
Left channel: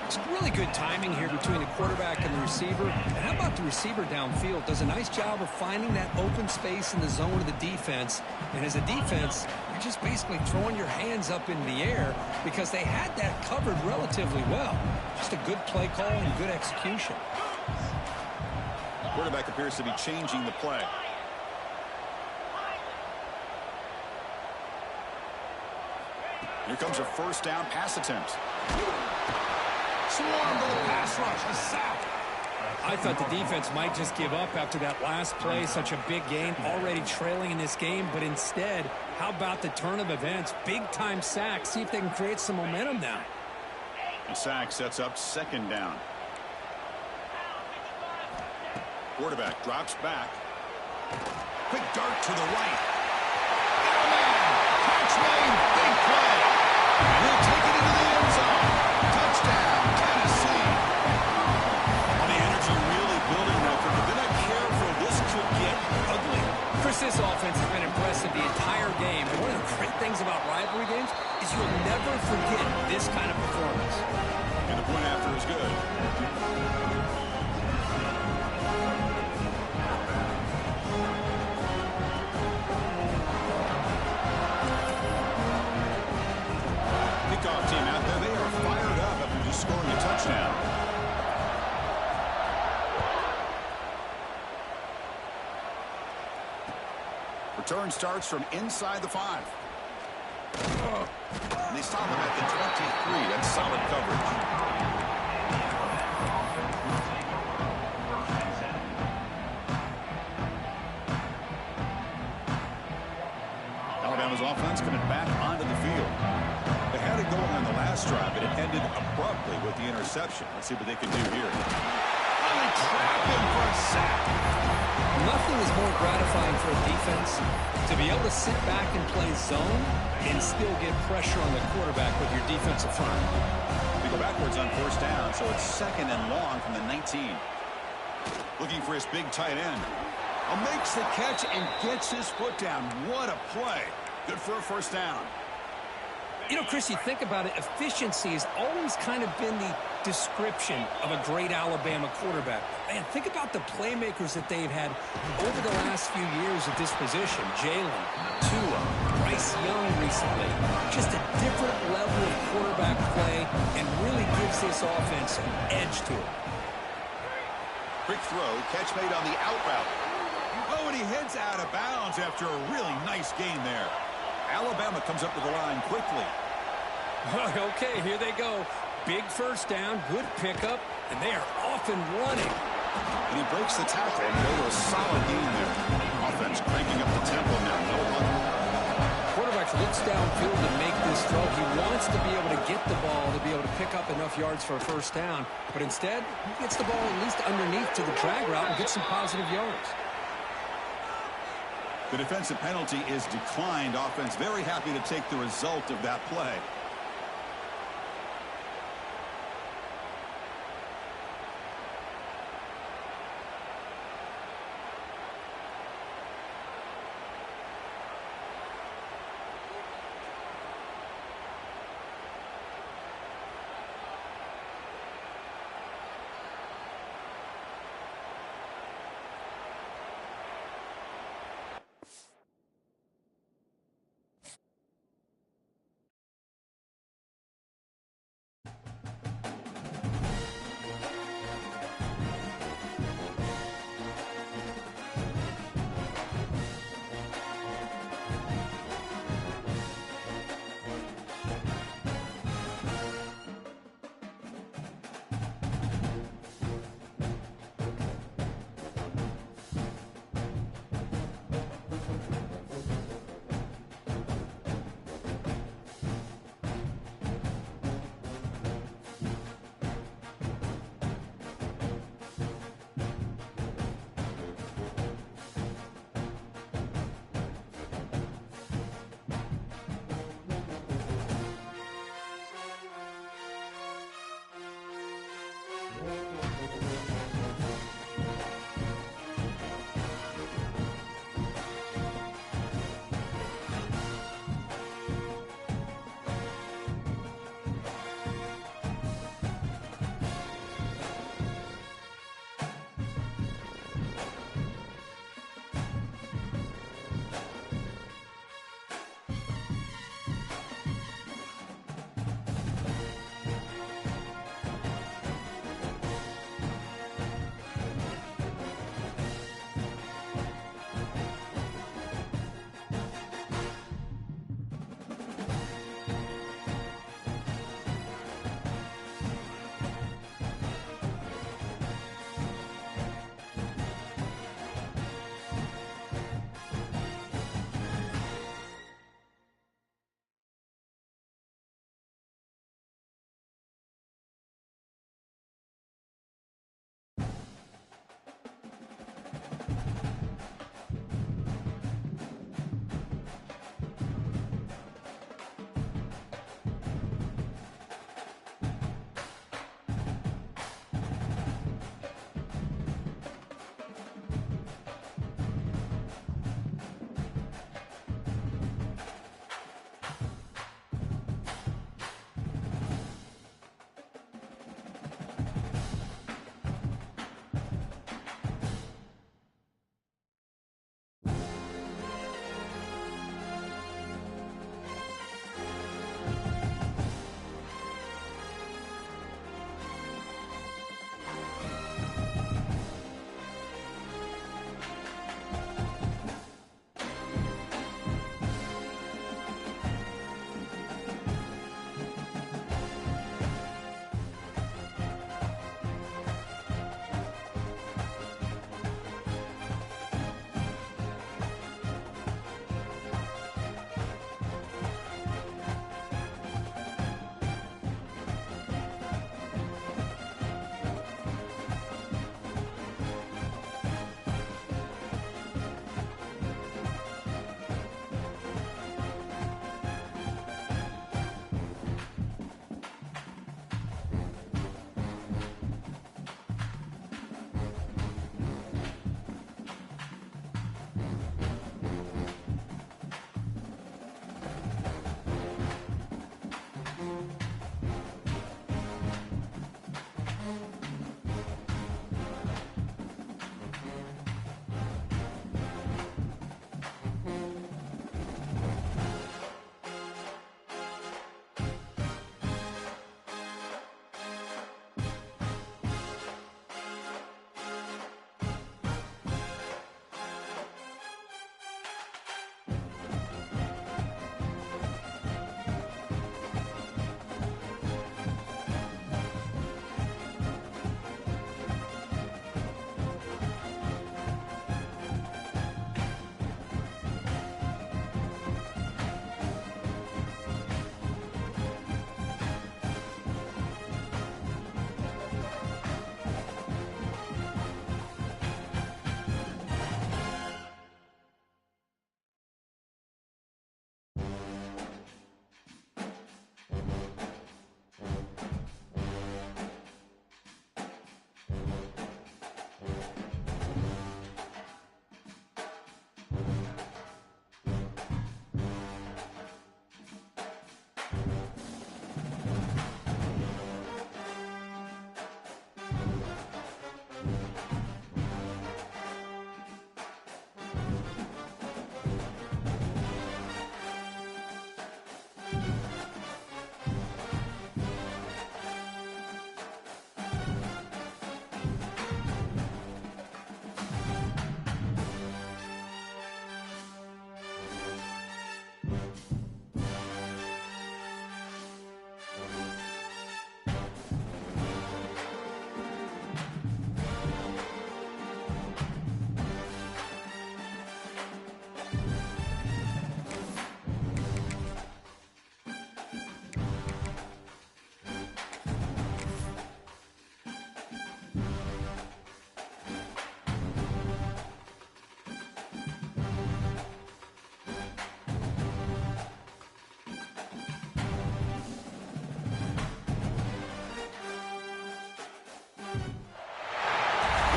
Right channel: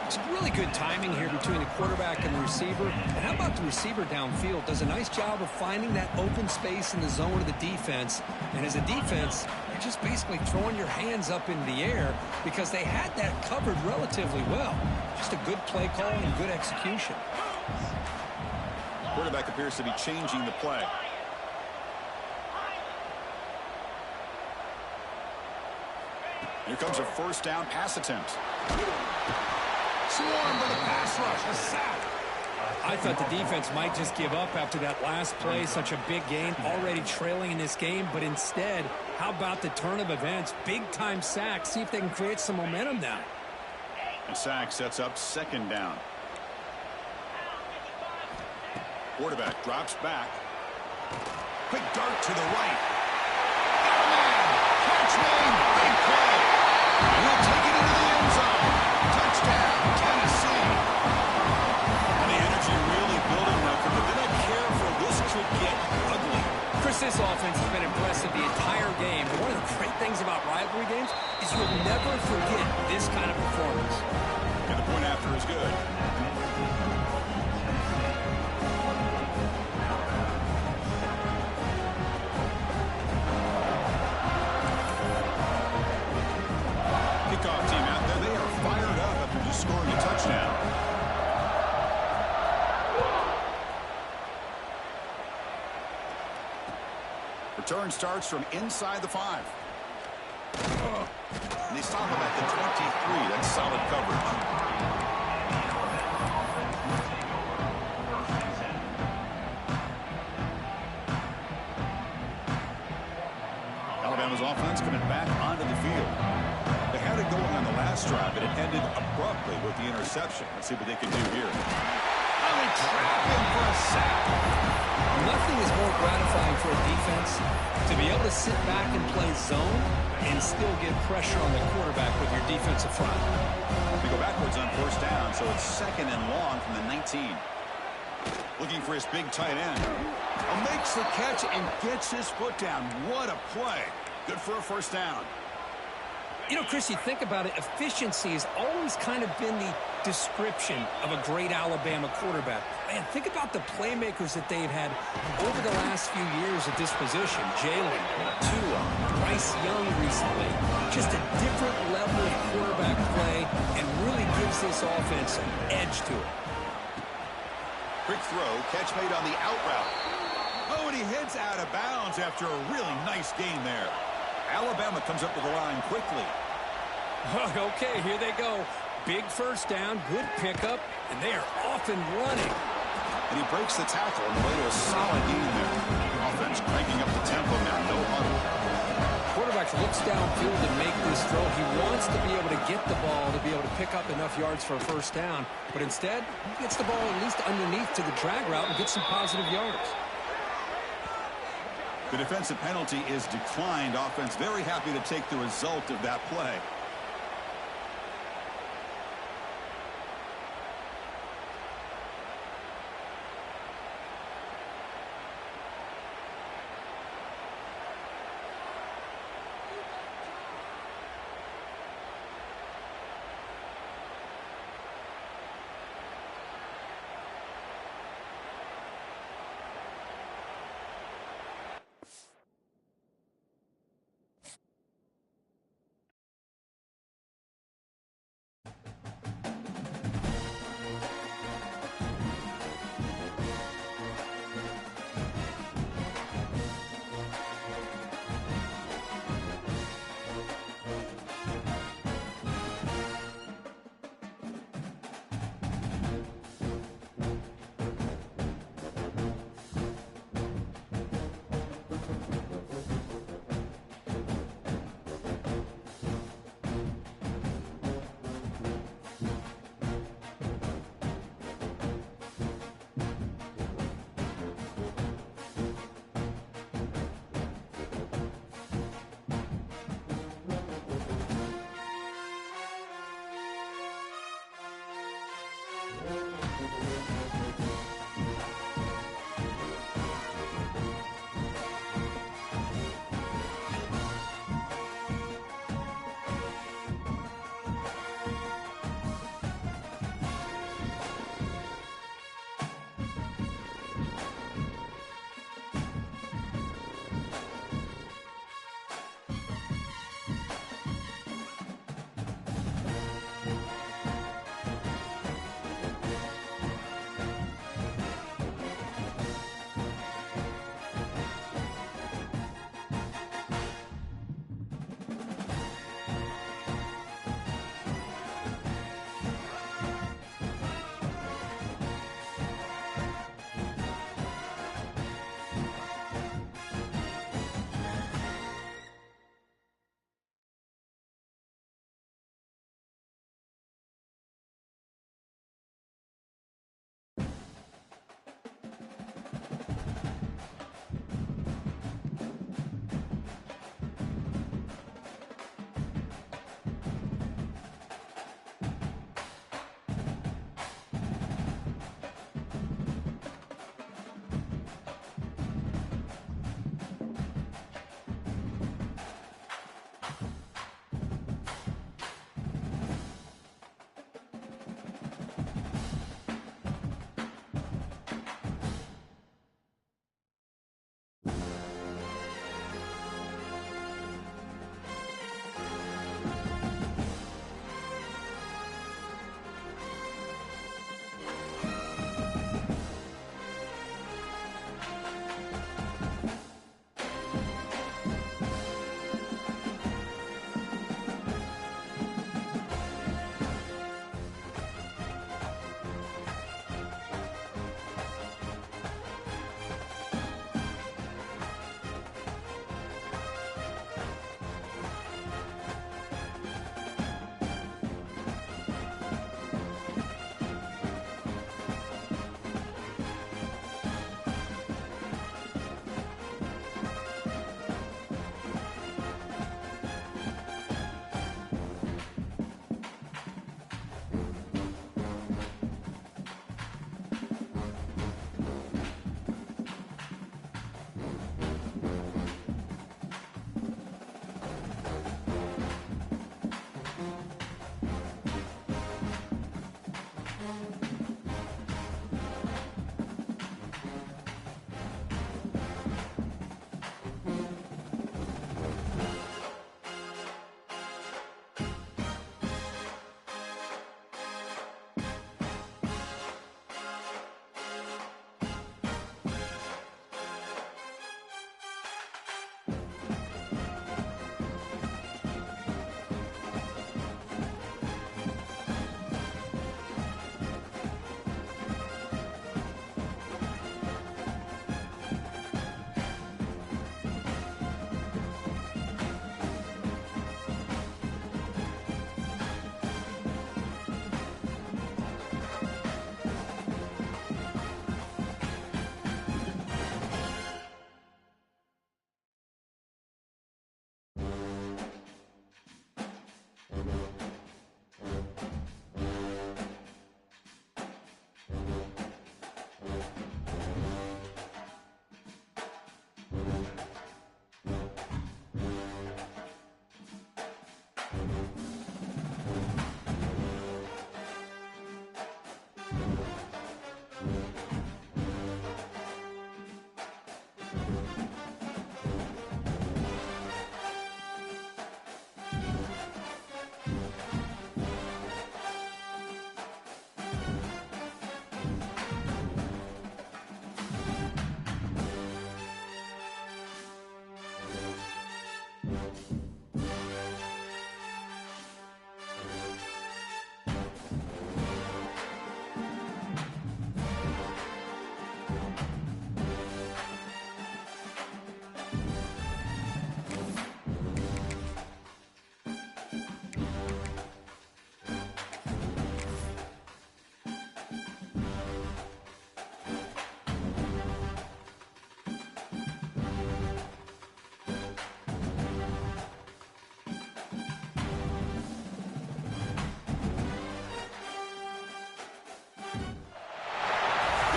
It's really good timing here between the quarterback and the receiver. And how about the receiver downfield? Does a nice job of finding that open space in the zone of the defense. And as a defense, you're just basically throwing your hands up in the air because they had that covered relatively well. Just a good play call and good execution. Quarterback appears to be changing the play. Here comes a first down pass attempt. Swarm with a pass rush, a sack. I thought the defense might just give up after that last play, such a big gain, already trailing in this game. But instead, how about the turn of events? Big-time sack. See if they can create some momentum now. And sack sets up second down. Quarterback drops back. Quick dart to the right. Got a man. Catch made. Big play. And he'll take it into the end zone. Touchdown, Tennessee. Well, the energy really building now. But they're not careful. This could get ugly. Chris, this offense has been impressive the entire game. And one of the great things about rivalry games is you'll never forget this kind of performance. And the point after is good. Kickoff team out there. They are fired up after just scoring a touchdown. Return starts from inside the 5. And they stop him at the 23. That's solid coverage. Alabama's offense coming back onto the field. They had it going on the last drive, but it ended abruptly with the interception. Let's see what they can do here. Oh, they trap him for a sack. Nothing is more gratifying for a defense to be able to sit back and play zone and still get pressure on the quarterback with your defensive front. They go backwards on first down, so it's second and long from the 19. Looking for his big tight end. Makes the catch and gets his foot down. What a play. Good for a first down. You know, Chris, you think about it, efficiency has always kind of been the description of a great Alabama quarterback. Man, think about the playmakers that they've had over the last few years at this position. Jalen, Tua, Bryce Young recently. Just a different level of quarterback play and really gives this offense an edge to it. Quick throw, catch made on the out route. Oh, and he heads out of bounds after a really nice gain there. Alabama comes up to the line quickly. Okay, here they go. Big first down, good pickup, and they are off and running. And he breaks the tackle on the way to a solid gain there. Offense cranking up the tempo now. No huddle. Quarterback looks downfield to make this throw. He wants to be able to get the ball to be able to pick up enough yards for a first down. But instead, he gets the ball at least underneath to the drag route and gets some positive yards. The defensive penalty is declined. Offense very happy to take the result of that play.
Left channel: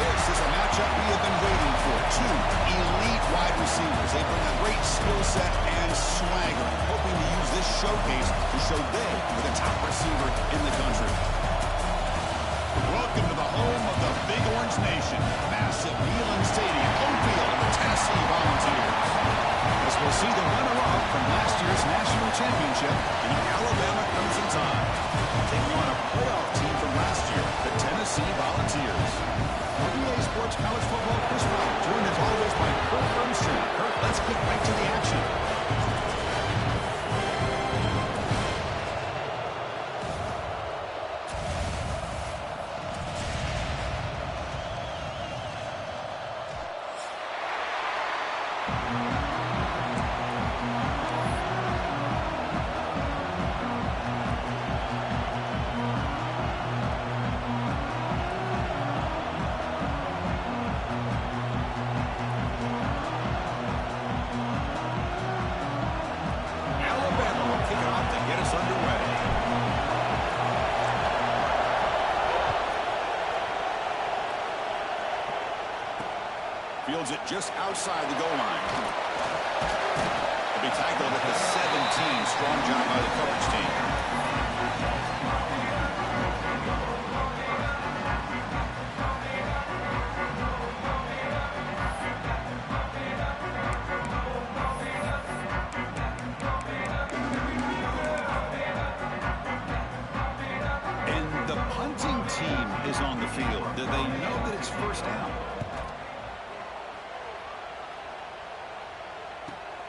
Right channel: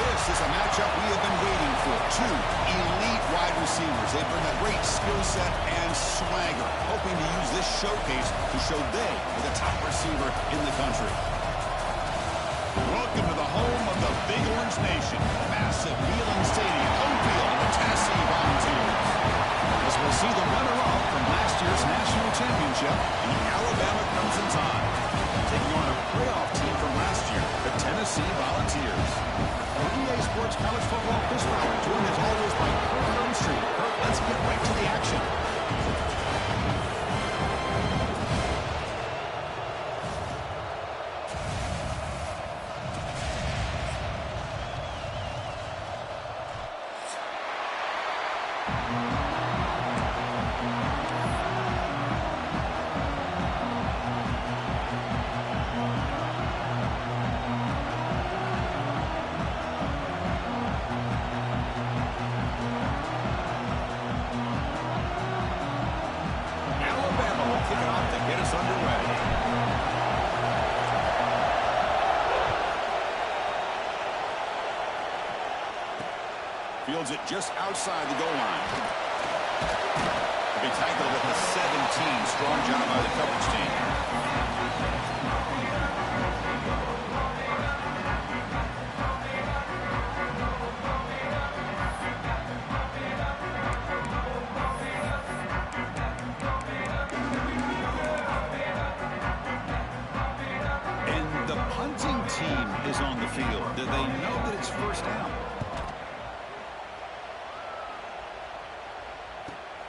This is a matchup we have been waiting for. Two elite wide receivers. They bring a great skill set and swagger, hoping to use this showcase to show they are the top receiver in the country. Welcome to the home of the Big Orange Nation. Massive Neyland Stadium, home field of the Tennessee Volunteers. As we'll see the runner-up from last year's national championship, the Alabama Crimson Tide, taking on a playoff team from last year, the Tennessee Volunteers. For EA Sports College Football, Chris Fowler, joined as always by Kurt Street. Kurt, let's get right to the action. Fields it just outside the goal line. He'll be tackled at the 17. Strong job by the coverage team. And the punting team is on the field. Do they know that it's first down?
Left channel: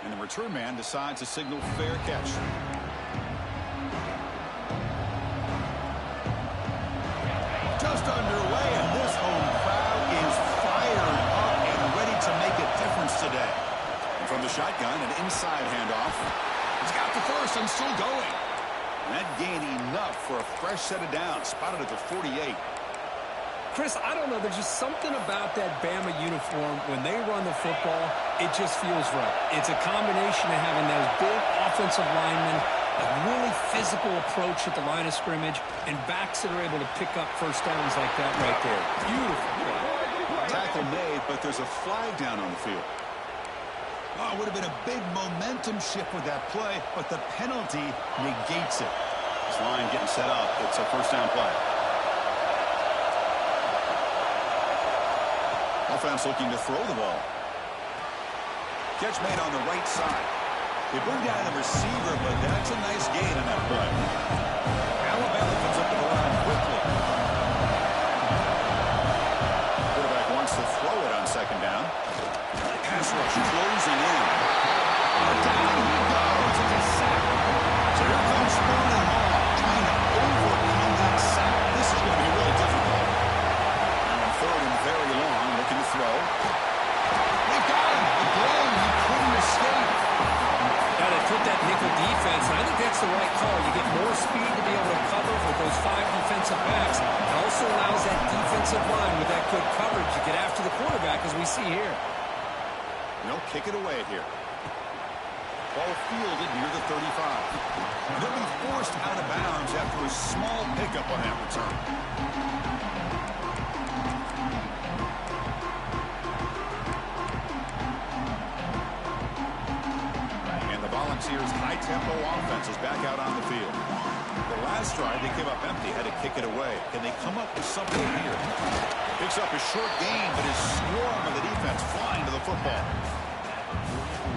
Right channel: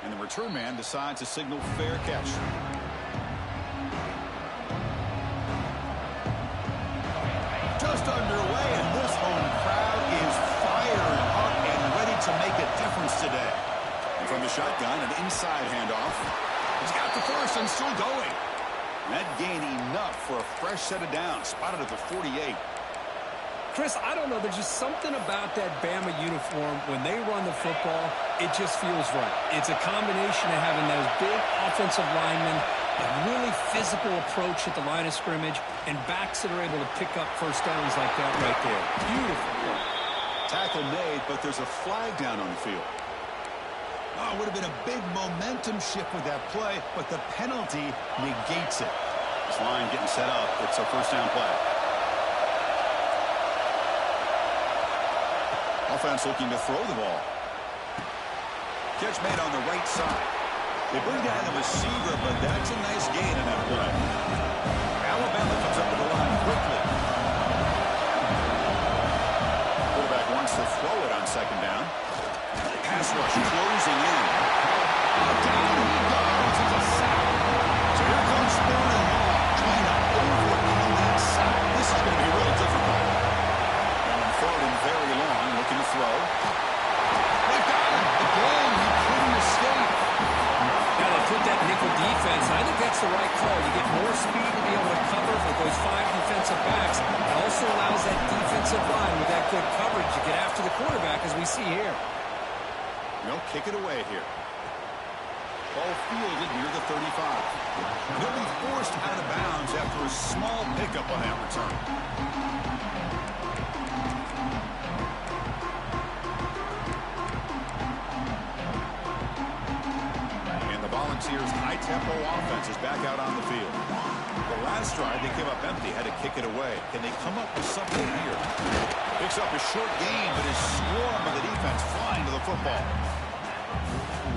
And the return man decides to signal fair catch. Just underway, and this home crowd is fired up and ready to make a difference today. And from the shotgun, an inside handoff. He's got the first and still going. And that gained enough for a fresh set of downs, spotted at the 48. Chris, I don't know. There's just something about that Bama uniform. When they run the football, it just feels right. It's a combination of having those big offensive linemen, a really physical approach at the line of scrimmage, and backs that are able to pick up first downs like that right there. Beautiful play. Tackle made, but there's a flag down on the field. Oh, it would have been a big momentum shift with that play, but the penalty negates it. This line getting set up. It's a first down play. Offense looking to throw the ball. Catch made on the right side. They bring down the receiver, but that's a nice gain in that play. Alabama comes up to the line quickly. Quarterback wants to throw it on second down. Pass rush closing in. Down he goes. It's a sack. So here comes third and long, trying to overcome that sack. This is going to be really difficult. Now on third and very long, looking to throw. They've got him. Again, he couldn't escape. Now they put that nickel defense, and I think that's the right call. You get more speed to be able to cover with those 5 defensive backs. It also allows that defensive line with that good coverage to get after the quarterback, as we see here. They'll kick it away here. Ball fielded near the 35. And he'll be forced out of bounds after a small pickup on that return. And the Volunteers' high-tempo offense is back out on the field. The last drive, they came up empty, had to kick it away. Can they come up with something here? Picks up a short gain, but his swarm of the defense flying to the football.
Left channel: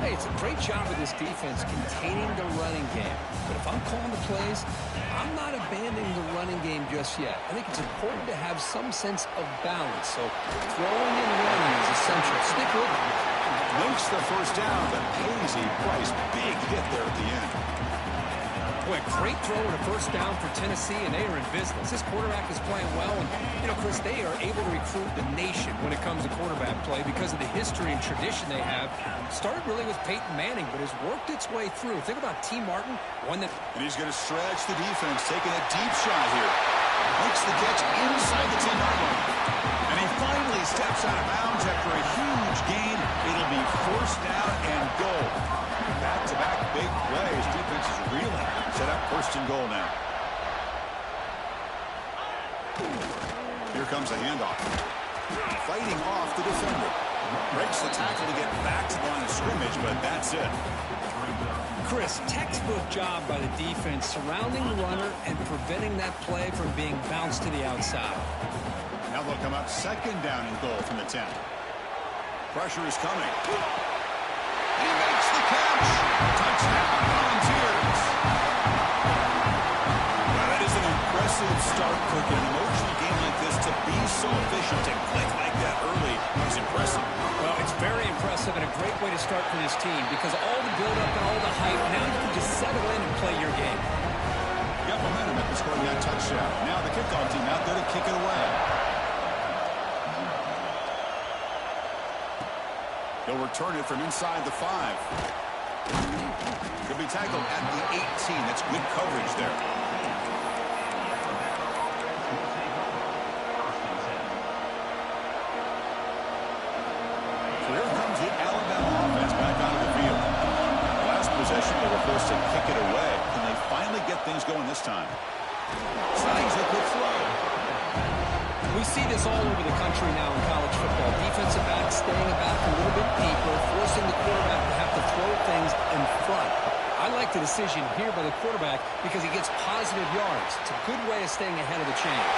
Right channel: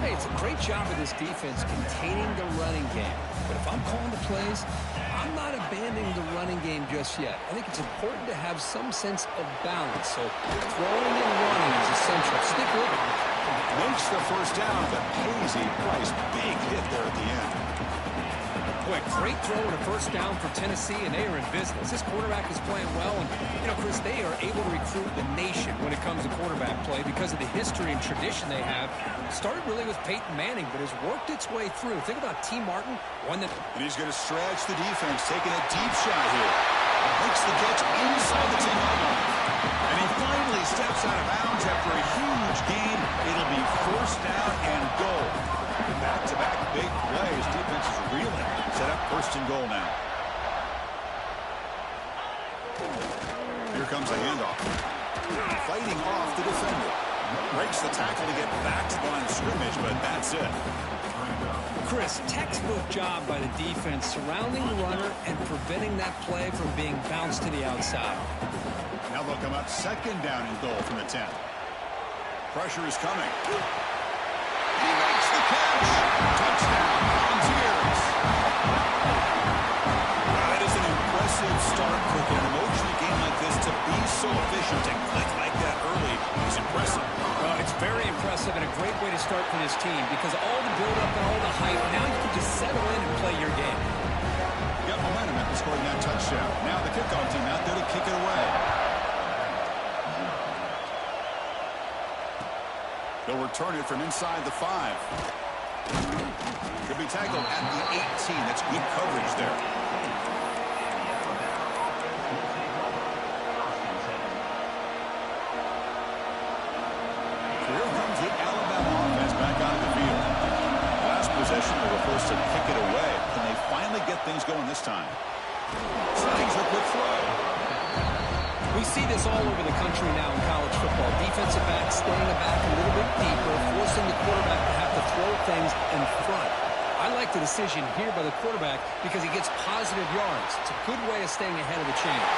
Hey, it's a great job of this defense containing the running game. But if I'm calling the plays, I'm not abandoning the running game just yet. I think it's important to have some sense of balance. So throwing and running is essential. Stick with it. Makes the first down, but pays a price. Big hit there at the end. Boy, great throw and a first down for Tennessee, and they are in business. This quarterback is playing well, and, you know, Chris, they are able to recruit the nation when it comes to quarterback play because of the history and tradition they have. Started really with Peyton Manning, but has worked its way through. Think about T. Martin, one that... And he's going to stretch the defense, taking a deep shot here. Makes the catch inside the 10-yard line. And he finally steps out of bounds after a huge gain. It'll be first down and goal. Back-to-back big plays. Defense is reeling. Set up first and goal now. Here comes the handoff. Fighting off the defender. Breaks the tackle to get back to the line of scrimmage, but that's it. Chris, textbook job by the defense surrounding the runner and preventing that play from being bounced to the outside. Now they'll come up second down and goal from the 10. Pressure is coming. He makes the catch. Touchdown, Volunteers. Well, that is an impressive start, Cook. In an emotional game like this, to be so efficient, to click like that early is impressive. Well, it's very impressive and a great way to start for this team because all the build-up and all the hype, now you can just settle in and play your game. Got momentum after scoring that touchdown. Now the kickoff team out there to kick it away. They'll return it from inside the 5. Could be tackled at the 18. That's good coverage there. So here comes the Alabama offense back onto the field. Last possession, they were forced to kick it away. Can they finally get things going this time? Slings a quick throw. We see this all over the country now in college football. Defensive backs staying back a little bit deeper, forcing the quarterback to have to throw things in front. I like the decision here by the quarterback because he gets positive yards. It's a good way of staying ahead of the chains.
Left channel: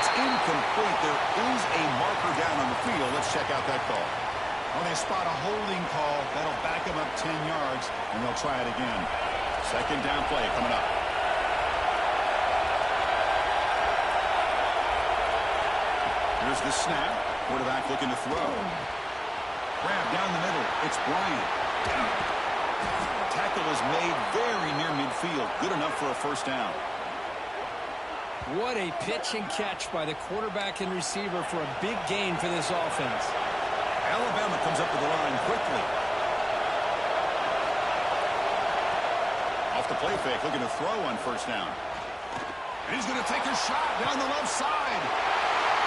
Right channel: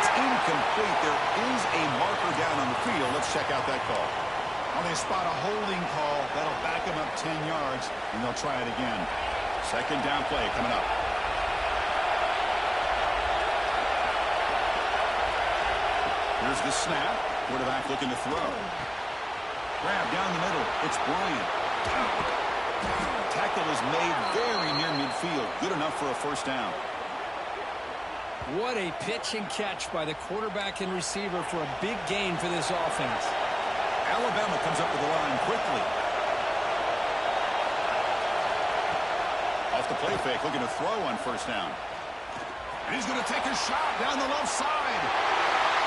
It's incomplete. There is a marker down on the field. Let's check out that call. Well, they spot a holding call. That'll back them up 10 yards, and they'll try it again. Second down play coming up. Here's the snap. Quarterback looking to throw. Grab down the middle. It's Bryant. Tackle is made very near midfield. Good enough for a first down. What a pitch and catch by the quarterback and receiver for a big gain for this offense. Alabama comes up to the line quickly. Off the play fake, looking to throw on first down. And he's going to take a shot down the left side.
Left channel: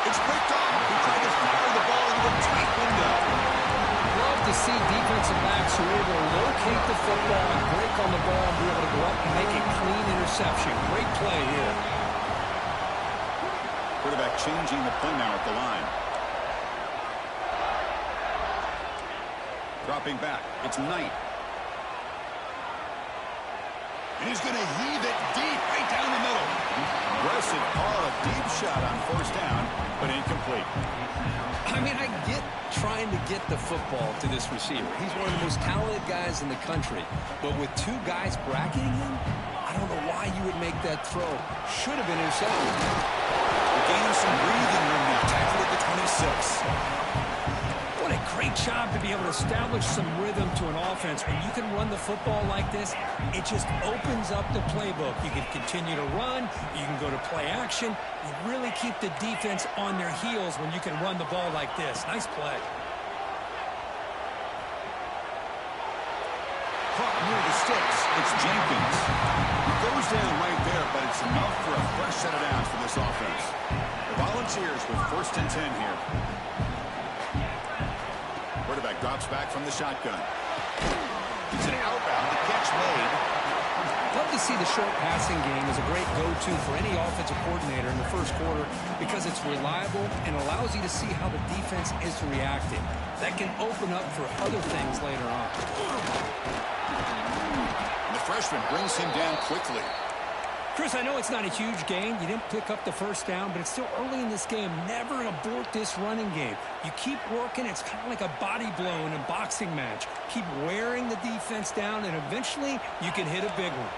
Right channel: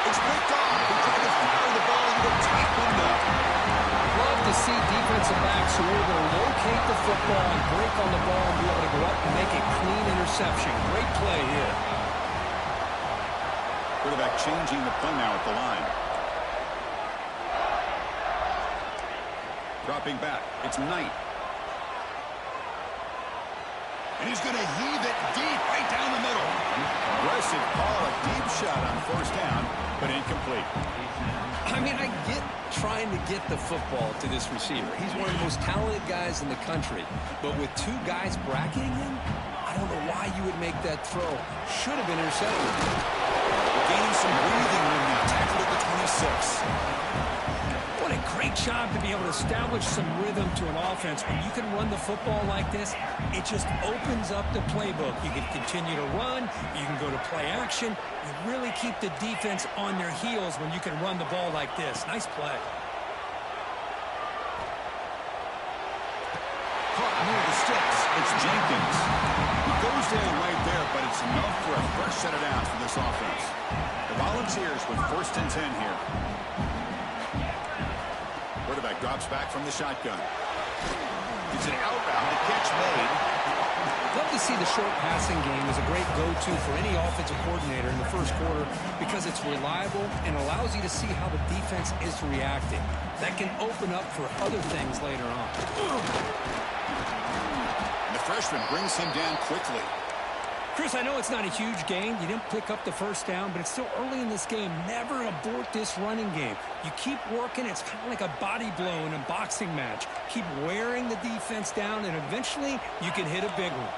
It's picked off. He tried to fire the ball into a tight window. Love to see defensive backs who are able to locate the football and break on the ball and be able to go up and make a clean interception. Great play here. Quarterback changing the play now at the line. Dropping back. It's Knight. And he's going to heave it deep right down the middle. Aggressive call, a deep shot on first down, but incomplete. I mean, I get trying to get the football to this receiver. He's one of the most talented guys in the country. But with two guys bracketing him, I don't know why you would make that throw. Should have been intercepted. We're gaining some breathing room now. Tackled at the 26. What a great job to be able to establish some rhythm to an offense. When you can run the football like this, it just opens up the playbook. You can continue to run. You can go to play action. You really keep the defense on their heels when you can run the ball like this. Nice play. Caught near the sticks. It's Jenkins. He goes down right there, but it's enough for a fresh set of downs for this offense. The Volunteers with 1st and 10 here. Quarterback drops back from the shotgun. It's an out route. The catch made. Love to see the short passing game as a great go-to for any offensive coordinator in the first quarter because it's reliable and allows you to see how the defense is reacting. That can open up for other things later on. And the freshman brings him down quickly. Chris, I know it's not a huge gain. You didn't pick up the first down, but it's still early in this game. Never abort this running game. You keep working. It's kind of like a body blow in a boxing match. Keep wearing the defense down, and eventually you can hit a big one.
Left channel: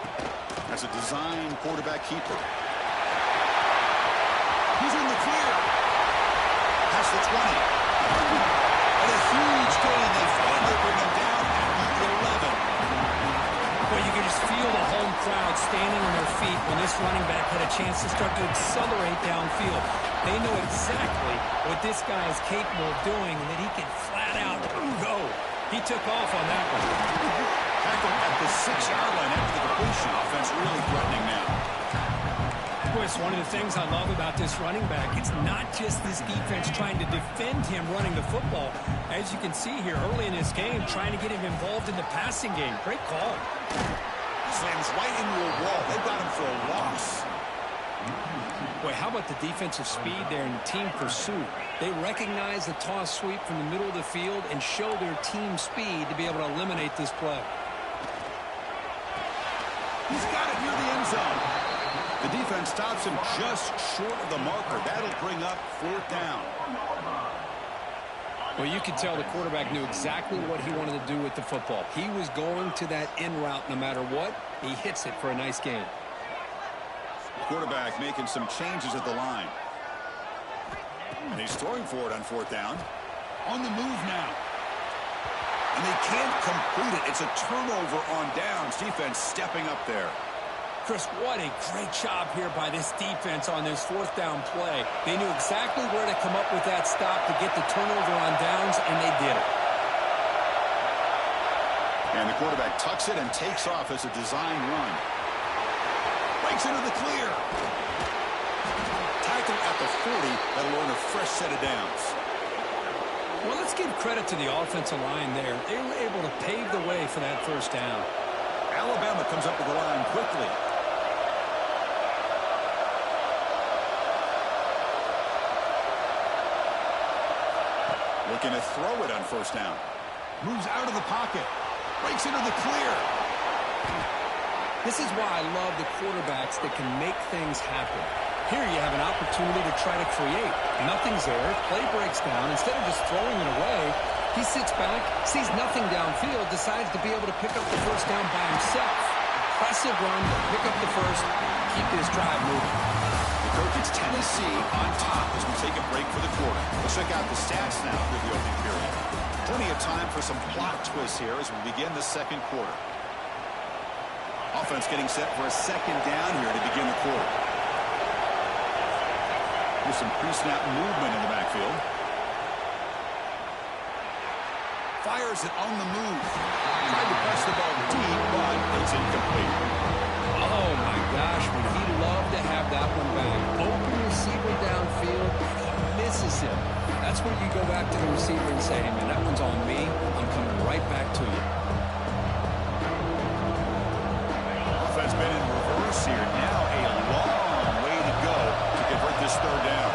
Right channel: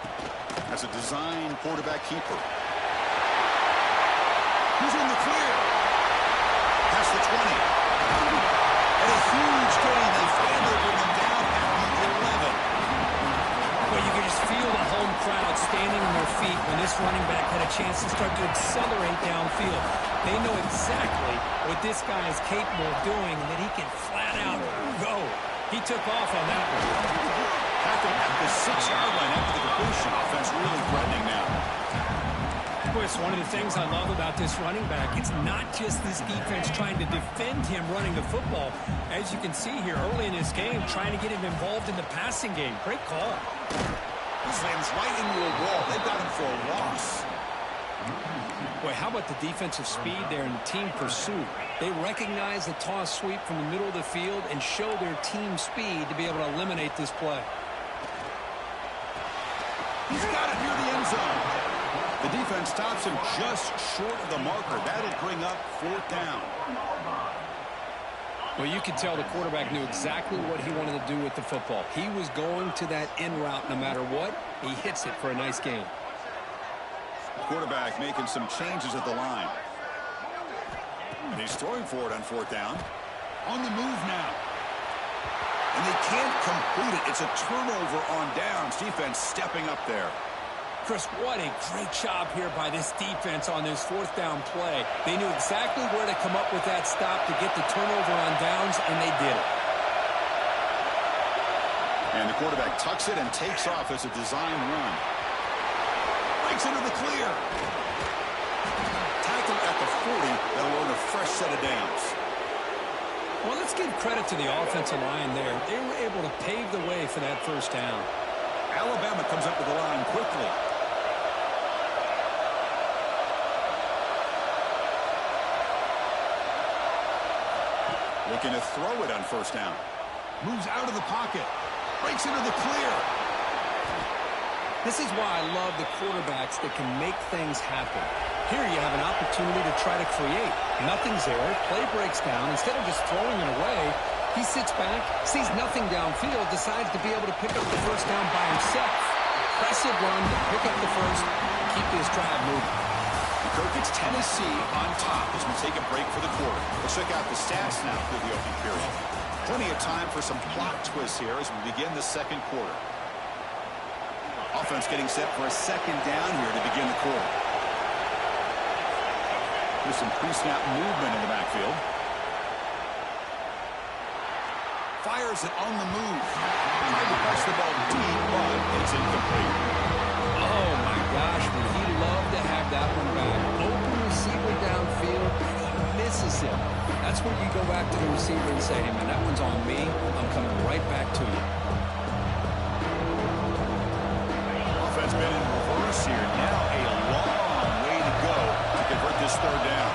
As a design quarterback keeper. He's in the clear. Past the 20. And a huge gain. They finally bring him down at the 11. Well, you can just feel the home crowd standing on their feet when this running back had a chance to start to accelerate downfield. They know exactly what this guy is capable of doing and that he can flat out go. He took off on that one. Tackled at the 6-yard line after the completion. Offense really threatening now. Boy, it's one of the things I love about this running back. It's not just this defense trying to defend him running the football. As you can see here early in this game, trying to get him involved in the passing game. Great call. Slams right into a wall. They've got him for a loss. Boy, how about the defensive speed there and team pursuit? They recognize the toss sweep from the middle of the field and show their team speed to be able to eliminate this play. He's got it near the end zone. The defense stops him just short of the marker. That'll bring up 4th down. Well, you could tell the quarterback knew exactly what he wanted to do with the football. He was going to that in route no matter what. He hits it for a nice gain. Quarterback making some changes at the line. And he's throwing for it on 4th down. On the move now. And they can't complete it. It's a turnover on downs. Defense stepping up there. Chris, what a great job here by this defense on this 4th down play. They knew exactly where to come up with that stop to get the turnover on downs, and they did it. And the quarterback tucks it and takes off as a design run. Breaks into the clear. Tackle at the 40. That'll earn a fresh set of downs. Well, let's give credit to the offensive line there. They were able to pave the way for that 1st down. Alabama comes up to the line quickly. Looking to throw it on 1st down. Moves out of the pocket. Breaks into the clear. This is why I love the quarterbacks that can make things happen. Here you have an opportunity to try to create. Nothing's there. Play breaks down. Instead of just throwing it away, he sits back, sees nothing downfield, decides to be able to pick up the 1st down by himself. Impressive run to pick up the first, keep this drive moving. The Kirk gets Tennessee on top as we take a break for the quarter. Let's check out the stats now through the opening period. Plenty of time for some plot twists here as we begin the 2nd quarter. Offense getting set for a 2nd down here to begin the quarter. There's some pre-snap movement in the backfield. Fires it on the move. Tried to press the ball deep, but it's incomplete. Oh, my gosh, would he love to have that one back. Open receiver downfield, he misses him. That's where you go back to the receiver and say, hey, man, that one's on me. I'm coming right back to you. Offense been in reverse here. Now a long way to go to convert this 3rd down.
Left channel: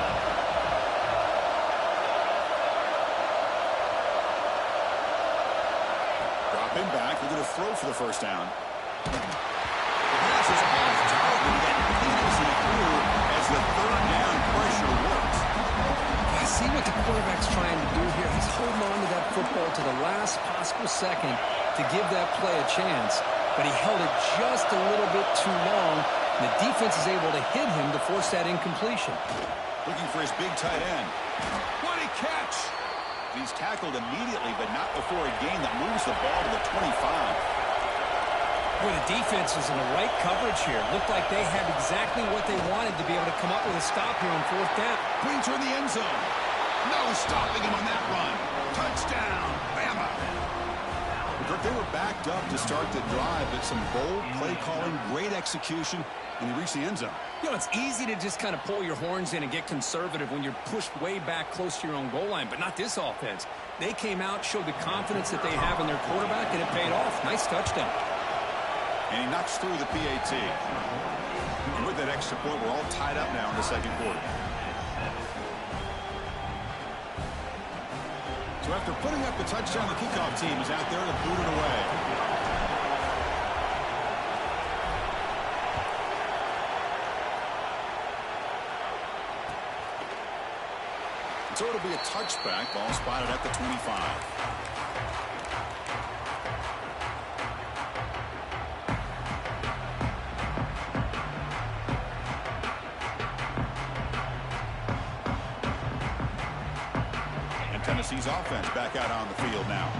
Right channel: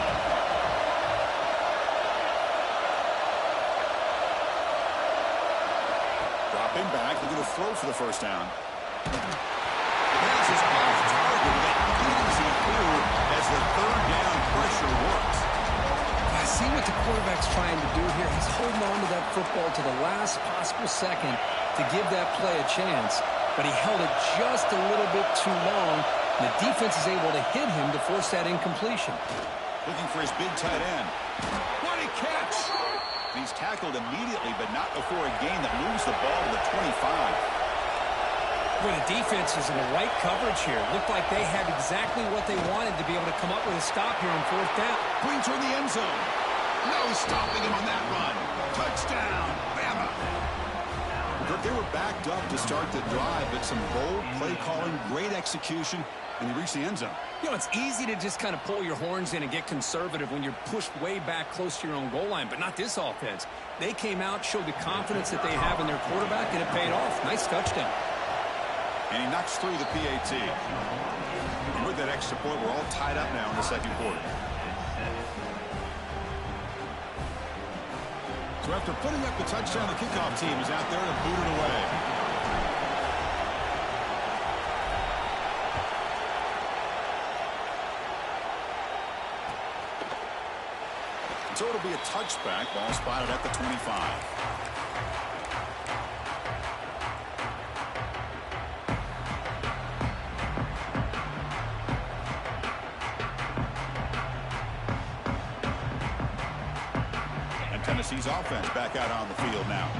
Dropping back, looking to throw for the 1st down. The pass is off target. He got hit as he threw as the 3rd down pressure works. I see what the quarterback's trying to do here. He's holding on to that football to the last possible second to give that play a chance. But he held it just a little bit too long. And the defense is able to hit him to force that incompletion. Looking for his big tight end. What a catch! He's tackled immediately, but not before a gain that moves the ball to the 25. Well, the defense is in the right coverage here. Looked like they had exactly what they wanted to be able to come up with a stop here on 4th down. Brings her in the end zone. No stopping him on that run. Touchdown, Bama. They were backed up to start the drive, but some bold play calling, great execution, and they reached the end zone. You know, it's easy to just kind of pull your horns in and get conservative when you're pushed way back close to your own goal line, but not this offense. They came out, showed the confidence that they have in their quarterback, and it paid off. Nice touchdown. And he knocks through the PAT. And with that extra point, we're all tied up now in the 2nd quarter. So after putting up the touchdown, the kickoff team is out there to boot it away. So it'll be a touchback. Ball spotted at the 25. Tennessee's offense back out on the field now.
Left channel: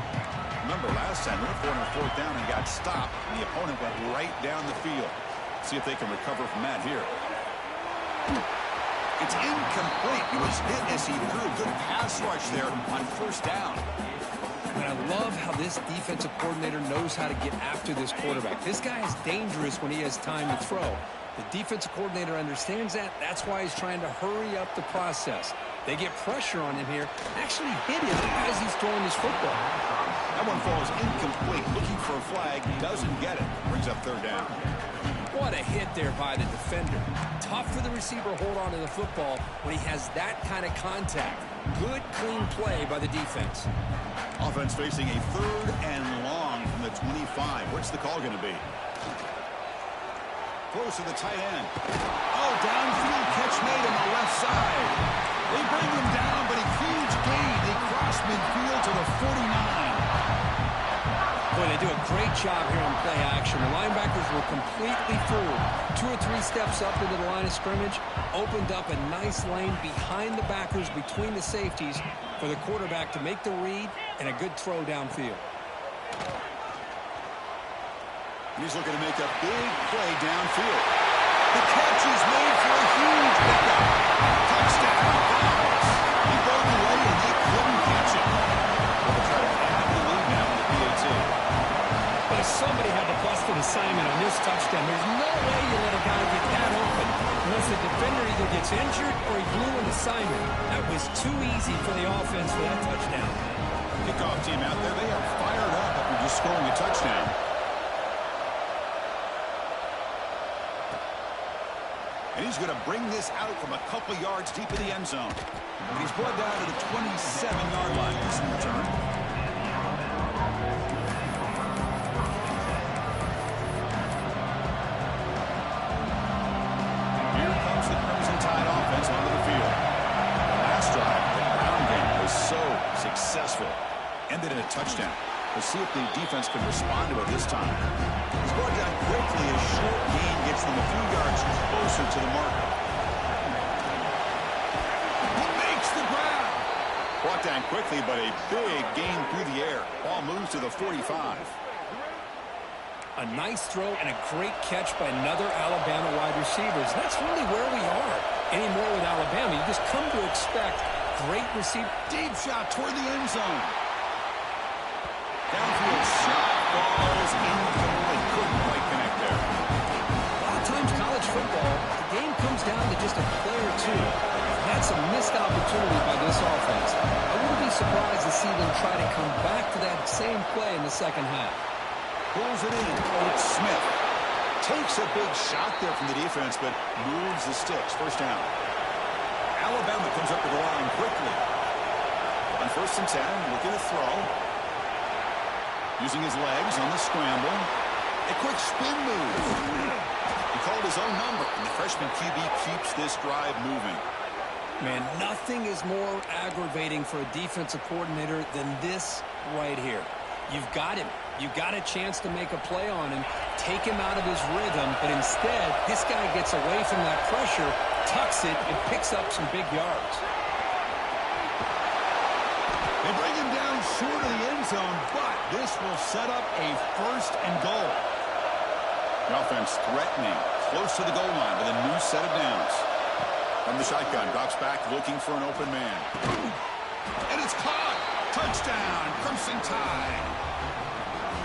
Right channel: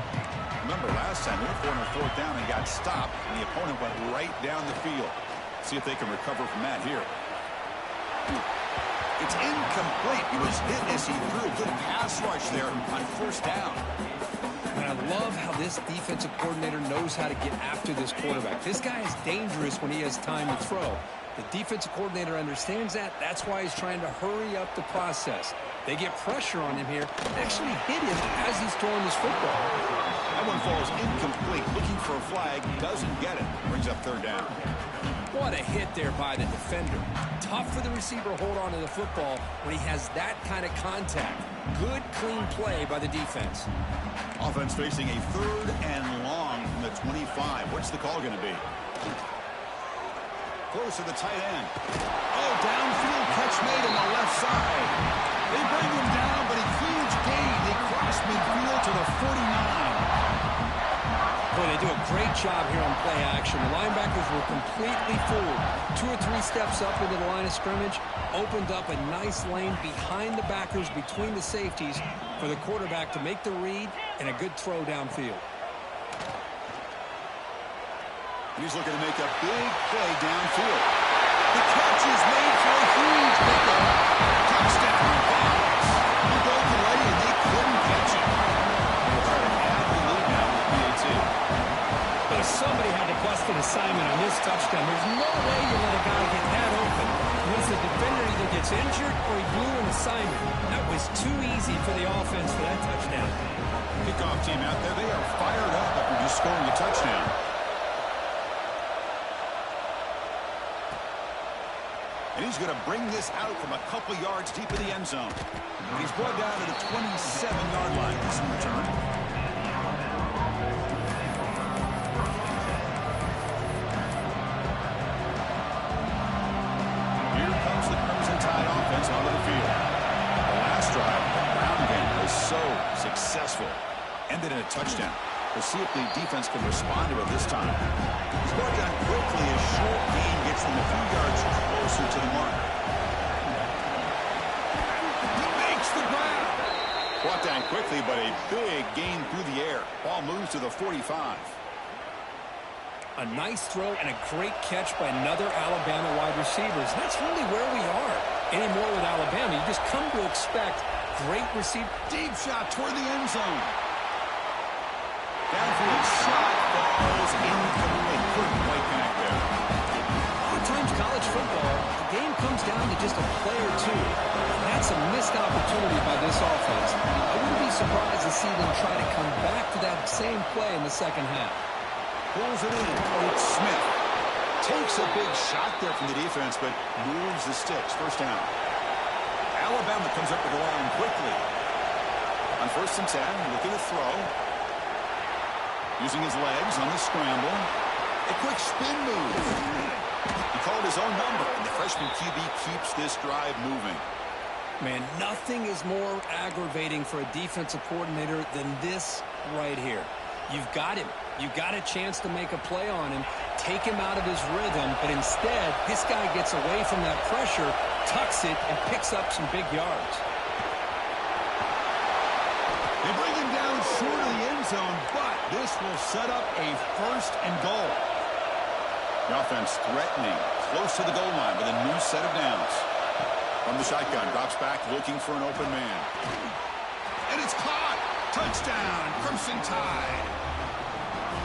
Remember last time they were for a 4th down and got stopped, and the opponent went right down the field. See if they can recover from that here. It's incomplete. He was hit as he threw. Good pass rush there on 1st down. And I love how this defensive coordinator knows how to get after this quarterback. This guy is dangerous when he has time to throw. The defensive coordinator understands that. That's why he's trying to hurry up the process. They get pressure on him here, actually hit him as he's throwing his football. That one falls incomplete. Looking for a flag, doesn't get it. Brings up third down. What a hit there by the defender. Tough for the receiver to hold on to the football when he has that kind of contact. Good, clean play by the defense. Offense facing a 3rd and long from the 25. What's the call going to be? Close to the tight end. Oh, downfield catch made on the left side. They bring him down, but a huge gain. They cross midfield to the 49. Boy, they do a great job here on play action. The linebackers were completely fooled. 2 or 3 steps up into the line of scrimmage, opened up a nice lane behind the backers, between the safeties, for the quarterback to make the read and a good throw downfield. He's looking to make a big play downfield. The catch is made for a huge pickup. Touchdown, Vols. He broke away and they couldn't catch him. They'll try to add the lead now with the PAT. But somebody had to bust an assignment on this touchdown. There's no way you let a guy get that open unless the defender either gets injured or he blew an assignment. That was too easy for the offense for that touchdown. Kickoff team out there, they are fired up after just scoring a touchdown. And he's going to bring this out from a couple yards deep in the end zone. And he's brought down to the 27-yard line. This in return. Here comes the Crimson Tide offense onto the field. The last drive, the ground game, was so successful. Ended in a touchdown. We'll see if the defense can respond to it this time. He's brought down quickly. A short gain gets them a few yards closer to the marker. He makes the ground. Brought down quickly, but a big gain through the air. Ball moves to the 45. A nice throw and a great catch by another Alabama wide receiver. And that's really where we are anymore with Alabama. You just come to expect great receiver. Deep shot toward the end zone. Downfield shot falls incomplete. Couldn't quite connect there. A lot of times college football, the game comes down to just a play or two. That's a missed opportunity by this offense. I wouldn't be surprised to see them try to come back to that same play in the second half. Pulls it in. It's Smith. Takes a big shot there from the defense, but moves the sticks. First down. Alabama comes up to the line quickly. On 1st and 10, looking to throw. Using his legs on the scramble. A quick spin move. He called his own number, and the freshman QB keeps this drive moving. Man, nothing is more aggravating for a defensive coordinator than this right here. You've got him. You've got a chance to make a play on him, take him out of his rhythm, but instead, this guy gets away from that pressure, tucks it, and picks up some big yards. They bring him down short of the end zone, but this will set up a 1st and goal. The offense threatening, close to the goal line with a new set of downs. From the shotgun, drops back looking for an open man. And it's caught! Touchdown, Crimson Tide!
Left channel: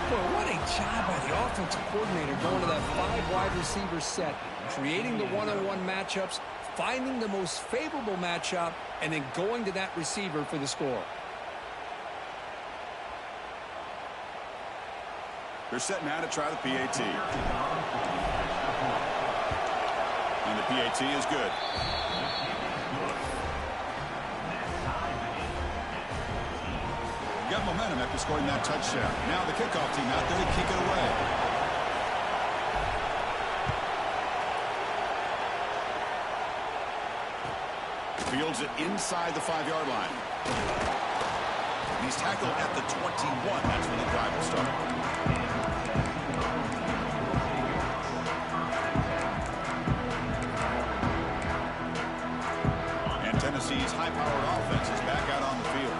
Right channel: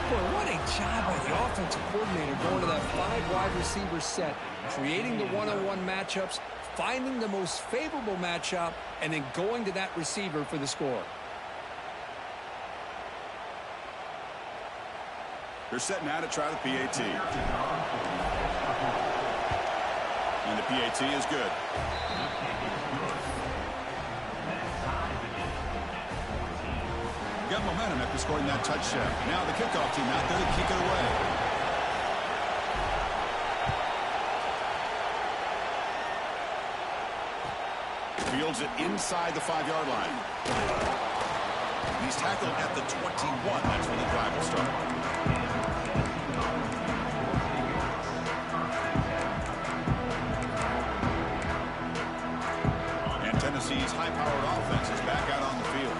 Boy, what a job by the offensive coordinator going to that 5 wide receiver set, creating the one-on-one matchups, finding the most favorable matchup, and then going to that receiver for the score. They're set now to try the PAT. And the PAT is good. Got momentum after scoring that touchdown. Now the kickoff team out there to kick it away. Fields it inside the 5-yard line. And he's tackled at the 21. That's when the drive will start. Tennessee's high-powered offense is back out on the field.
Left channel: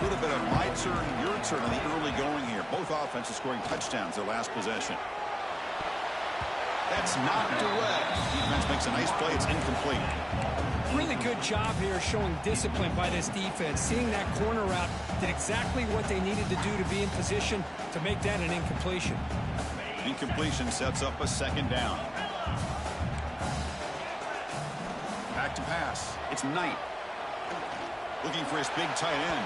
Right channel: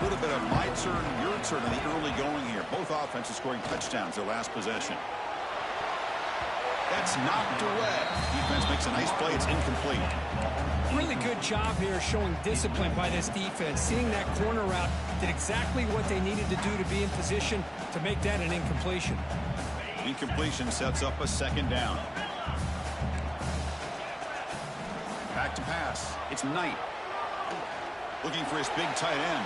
A little bit of my turn, your turn in the early going here. Both offenses scoring touchdowns their last possession. That's knocked away. Defense makes a nice play. It's incomplete. Really good job here showing discipline by this defense. Seeing that corner route did exactly what they needed to do to be in position to make that an incompletion. Incompletion sets up a 2nd down. Back to pass. It's Knight. Looking for his big tight end.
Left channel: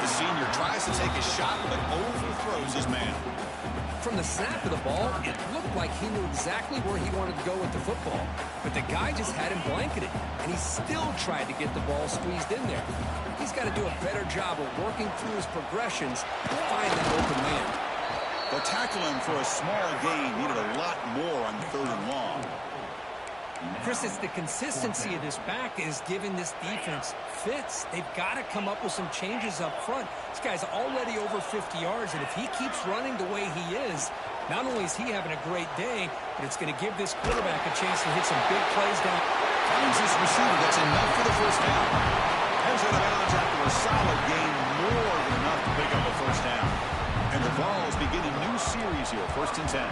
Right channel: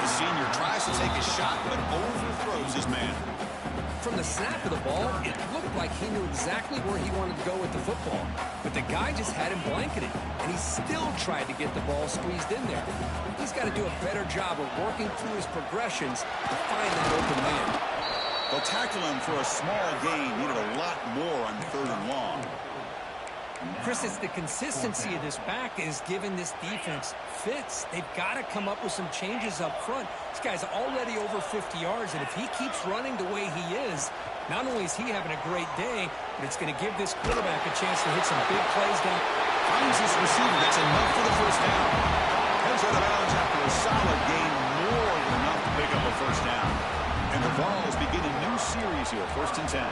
The senior tries to take a shot, but overthrows his man. From the snap of the ball, it looked like he knew exactly where he wanted to go with the football. But the guy just had him blanketed, and he still tried to get the ball squeezed in there. He's got to do a better job of working through his progressions to find that open man. They'll tackle him for a small gain. Needed a lot more on 3rd and long. Chris, it's the consistency of this back is giving this defense fits. They've got to come up with some changes up front. This guy's already over 50 yards, and if he keeps running the way he is, not only is he having a great day, but it's going to give this quarterback a chance to hit some big plays down. Finds his receiver. That's enough for the first down. Heads out of bounds after a solid gain, more than enough to pick up a first down. And the Vols begin a new series here, 1st and 10.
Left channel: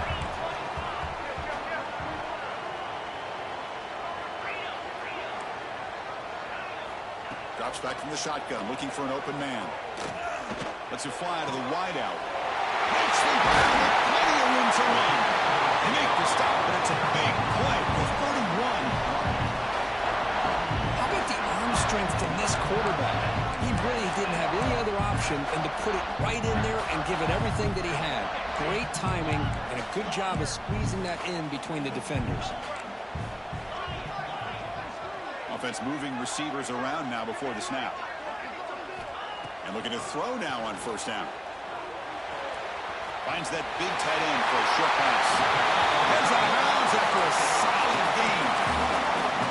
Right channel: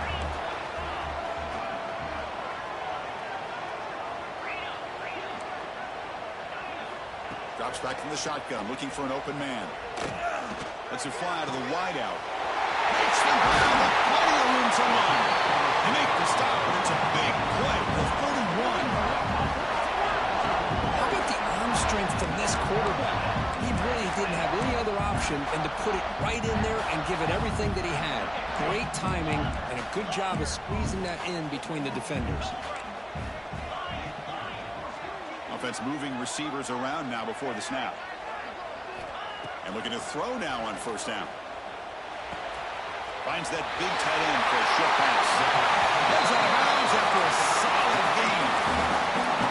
Drops back from the shotgun, looking for an open man. Lets it fly to the wideout. Makes the ground with plenty of room to run. They make the stop, but it's a big play for 31. How about the arm strength from this quarterback? He really didn't have any other option than to put it right in there and give it everything that he had. Great timing and a good job of squeezing that in between the defenders. Offense moving receivers around now before the snap. And looking to throw now on 1st down. Finds that big tight end for a short pass. Heads out of bounds after a solid gain.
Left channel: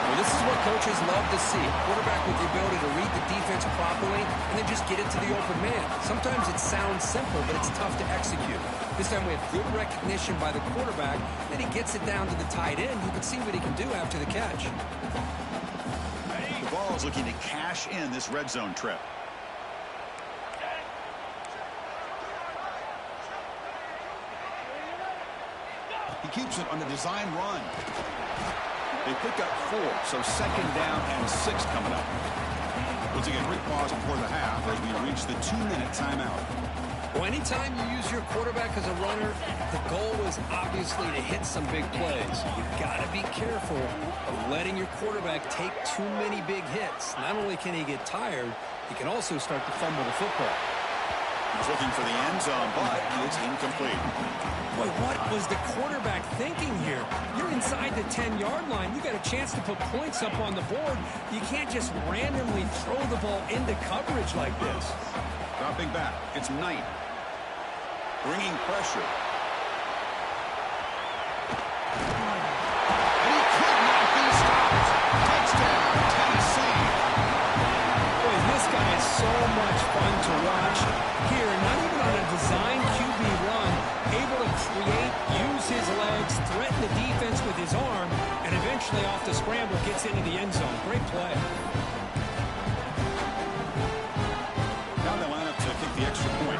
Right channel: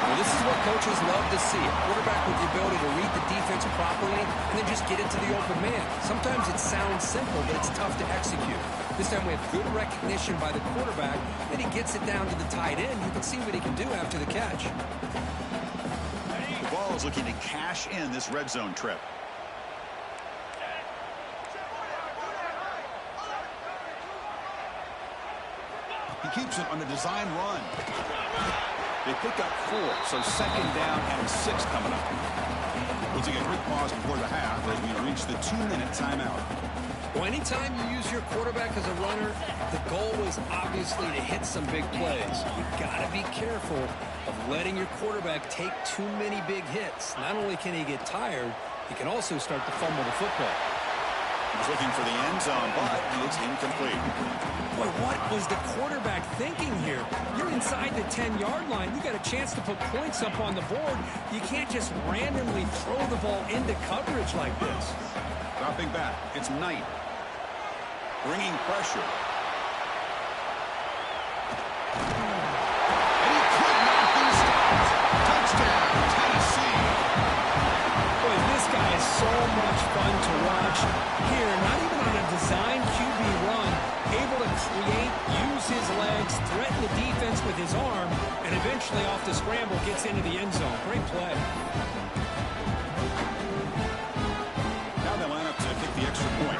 Well, this is what coaches love to see. A quarterback with the ability to read the defense properly and then just get it to the open man. Sometimes it sounds simple, but it's tough to execute. This time we have good recognition by the quarterback. Then he gets it down to the tight end. You can see what he can do after the catch. The Vols looking to cash in this red zone trip. He keeps it on a design run. They pick up 4, so 2nd down and 6 coming up. We'll take a quick pause before the half as we reach the 2-minute timeout. Well, anytime you use your quarterback as a runner, the goal is obviously to hit some big plays. You've got to be careful of letting your quarterback take too many big hits. Not only can he get tired, he can also start to fumble the football. He's looking for the end zone, but it's incomplete. Boy, what was the quarterback thinking here? You're inside the 10-yard line. You got a chance to put points up on the board. You can't just randomly throw the ball into coverage like this. Dropping back, it's Knight. Bringing pressure. And he could not be stopped. Touchdown, Tennessee. Boy, this guy is so much fun to watch. Here, not even on a design QB run, able to create, use his legs, threaten the defense with his arm, and eventually off the scramble gets into the end zone. Great play. Now they line up to kick the extra point.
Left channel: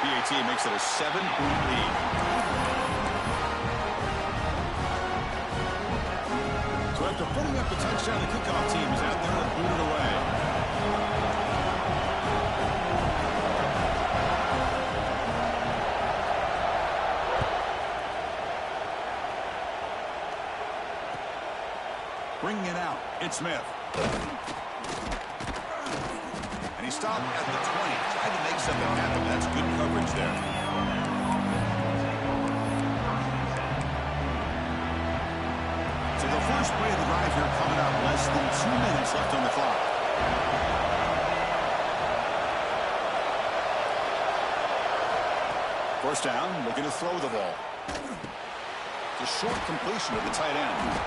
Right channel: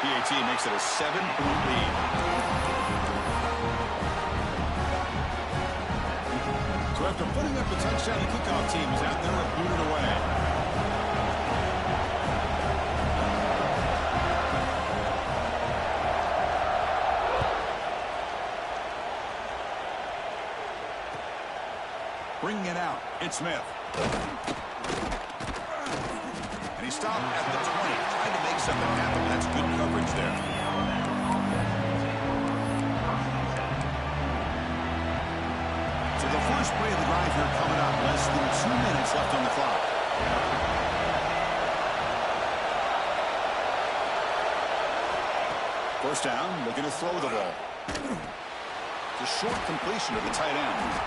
PAT makes it a 7-point lead. So after putting up a touchdown, the kickoff team is out there to boot it away. Bringing it out, it's Smith. And he stopped at the 20, tried to make something happen. That's good coverage there. So the first play of the drive here coming up. Less than 2 minutes left on the clock. First down, looking to throw the ball. It's a short completion of the tight end.